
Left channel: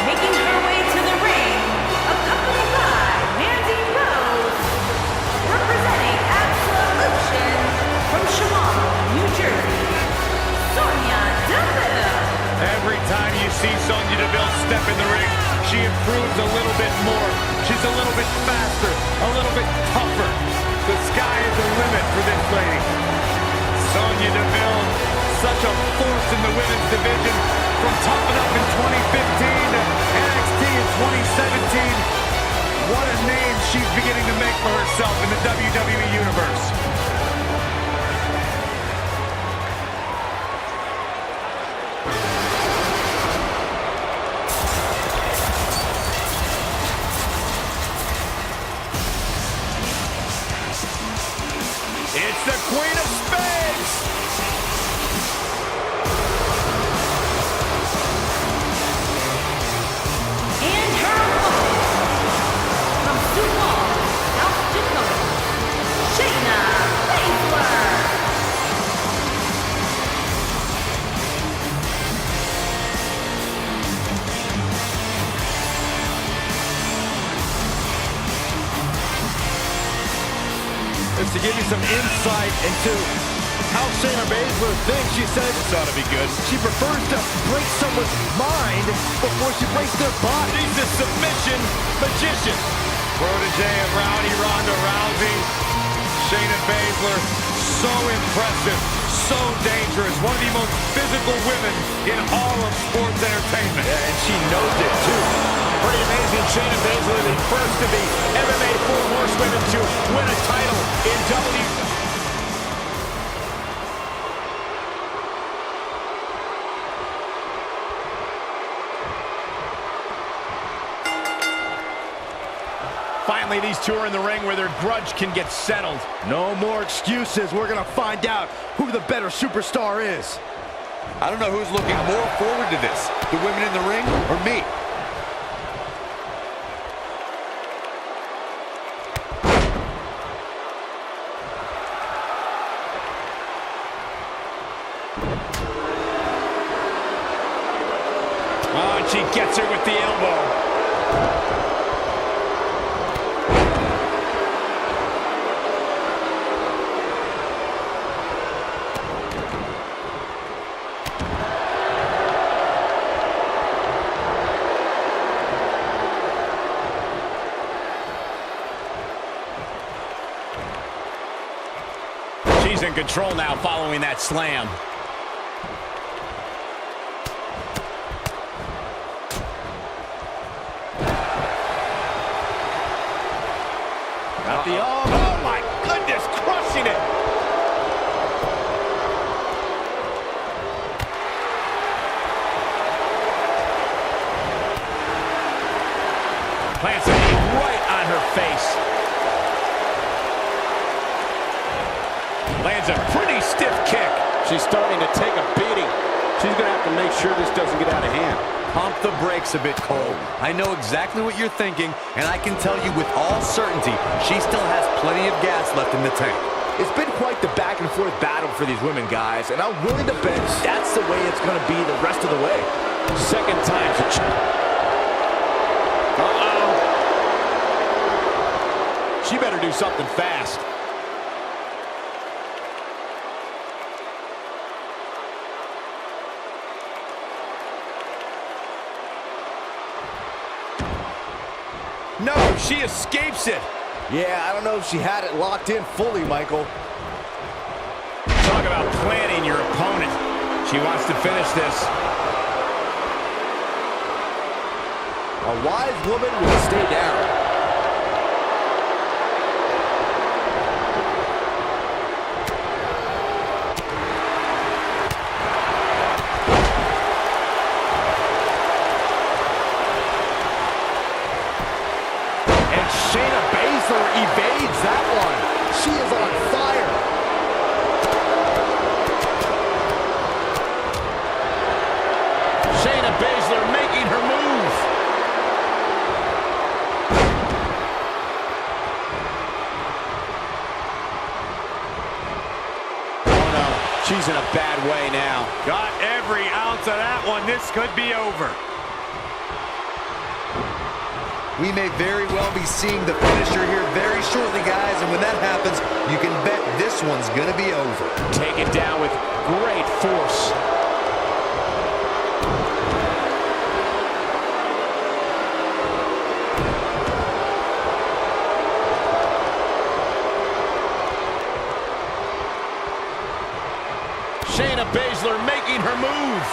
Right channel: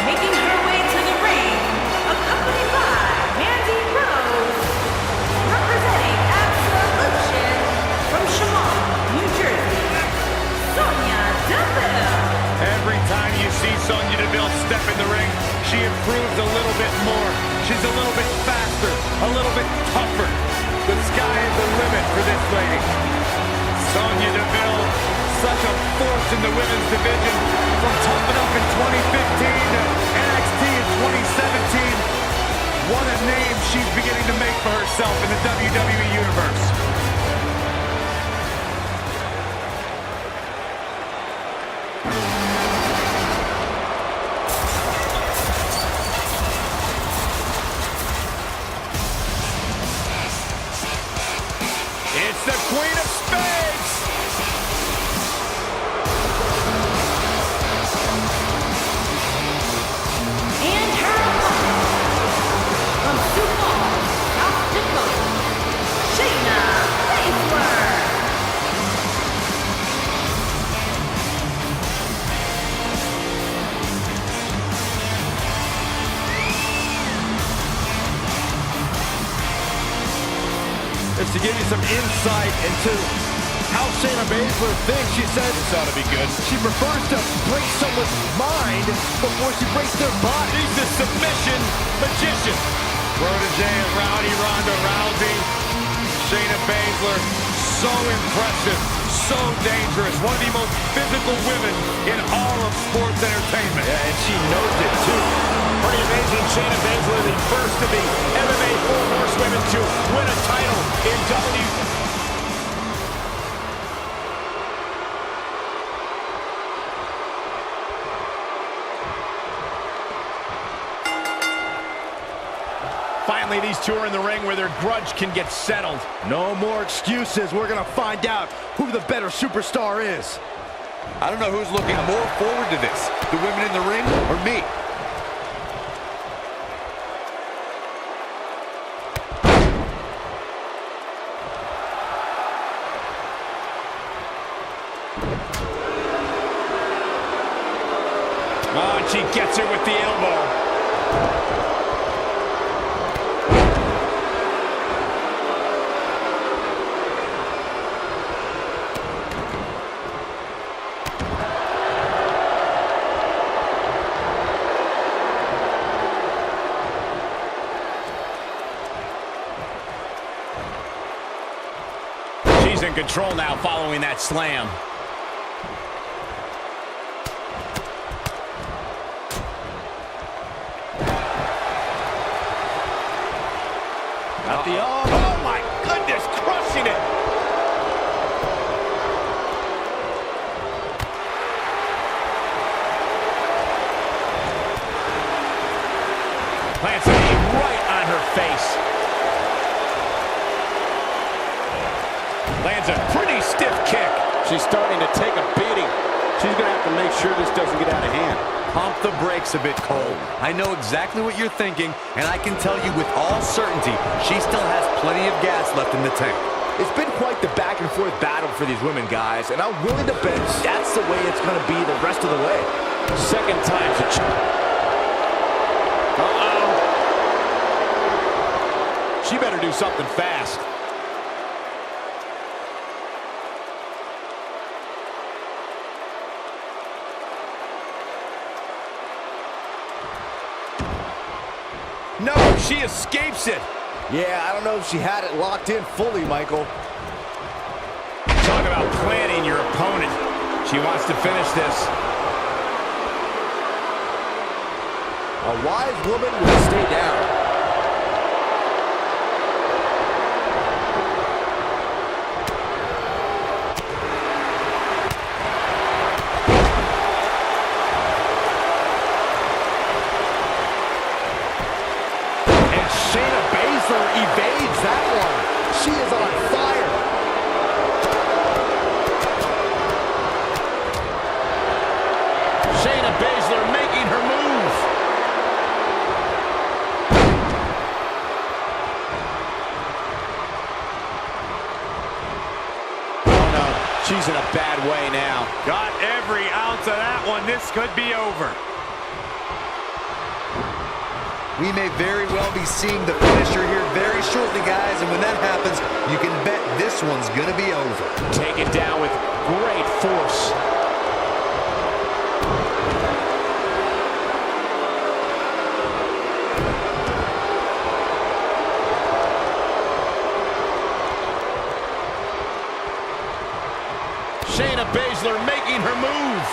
Making her way to the ring, accompanied by Mandy Rose, representing Absolution from Chemung, New Jersey, Sonya Deville. Every time you see Sonya Deville step in the ring, she improves a little bit more. She's a little bit faster, a little bit tougher. The sky is the limit for this lady. Sonya Deville, such a force in the women's division, from Tough Enough in 2015 to NXT in 2017. What a name she's beginning to make for herself in the WWE Universe. It's the Queen of Spades! And her opponent, from Sioux Falls, South Dakota, Shayna Baszler. Just to give you some insight into how Shayna Baszler thinks. She says This ought to be good. she prefers to break someone's mind before she breaks their body. She's the submission magician. Protege of Rowdy Ronda Rousey. Shayna Baszler, so impressive, so dangerous. One of the most physical women in all of sports entertainment. Yeah, and she knows it too. Pretty amazing. Shayna Baszler, the first of the MMA 4 horsewomen to win a title in WWE. Finally, these two are in the ring where their grudge can get settled. No more excuses. We're going to find out who the better superstar is. I don't know who's looking more forward to this, the women in the ring or me. Oh, and she gets her with the elbow. She's in control now following that slam. Got the arm. Oh my goodness, crushing it. Plants a knee right on her face. Lands a pretty stiff kick. She's starting to take a beating. She's going to have to make sure this doesn't get out of hand. Pump the brakes a bit, Cole. I know exactly what you're thinking, and I can tell you with all certainty, she still has plenty of gas left in the tank. It's been quite the back and forth battle for these women, guys, and I'm willing to bet that's the way it's going to be the rest of the way. Second time's a She better do something fast. No, she escapes it. Yeah, I don't know if she had it locked in fully, Michael. Talk about planning your opponent. She wants to finish this. A wise woman will stay down. Shayna Baszler evades that one. She is on fire. Shayna Baszler making her move. Oh no, she's in a bad way now. Got every ounce of that one. This could be over. We may very well be seeing the finisher here very shortly, guys, and when that happens, you can bet this one's gonna be over. Taken down with great force. Shayna Baszler making her move.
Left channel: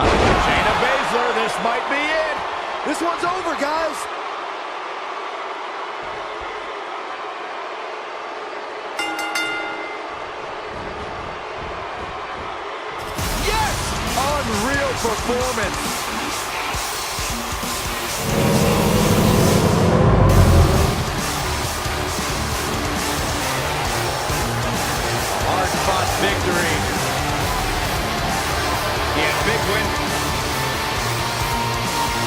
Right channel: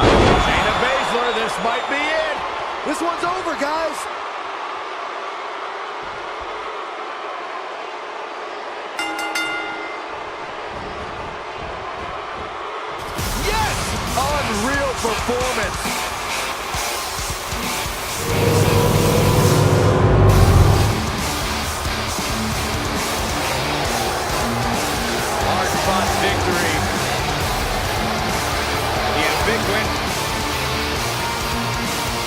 Shayna Baszler, this might be it. This one's over, guys. Yes! Unreal performance. Hard-fought victory. Yeah, big win.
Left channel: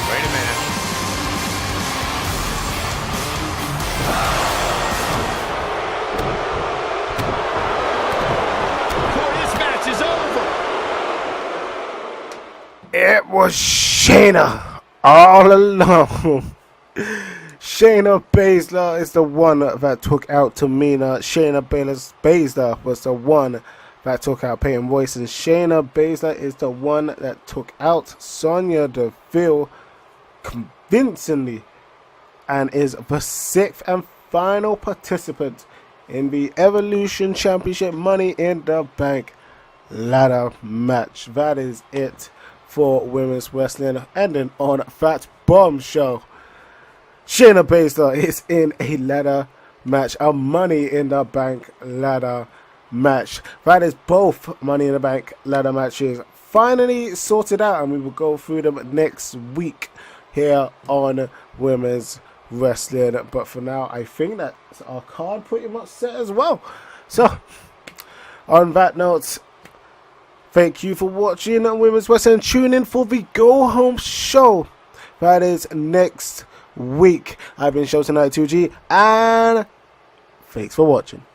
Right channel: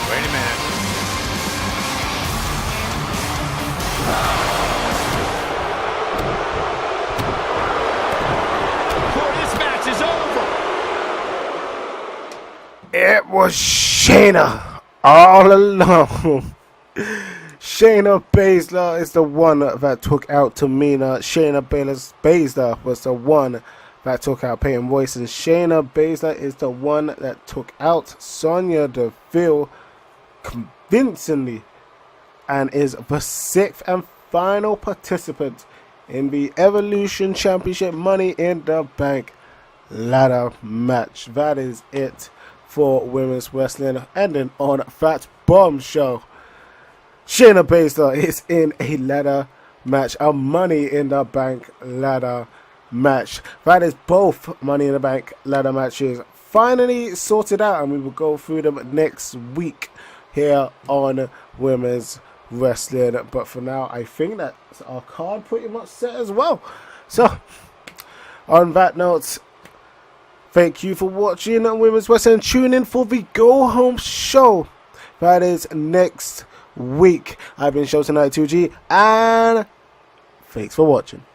Wait a minute. Before this match is over. It was Shayna all alone. Shayna Baszler is the one that took out Tamina. Shayna Baszler was the one that took out Peyton Royce, and Shayna Baszler is the one that took out Sonya Deville convincingly, and is the 6th and final participant in the Evolution Championship Money in the Bank ladder match. That is it for women's wrestling. Ending on that bombshell. Shayna Baszler is in a ladder match, a Money in the Bank ladder match. That is both Money in the Bank ladder matches finally sorted out, and we will go through them next week here on Women's Wrestling. But for now, I think that's our card pretty much set as well. So, on that note, thank you for watching Women's Wrestling. Tune in for the Go Home show. That is next week. I've been Show Tonight 2G, and thanks for watching.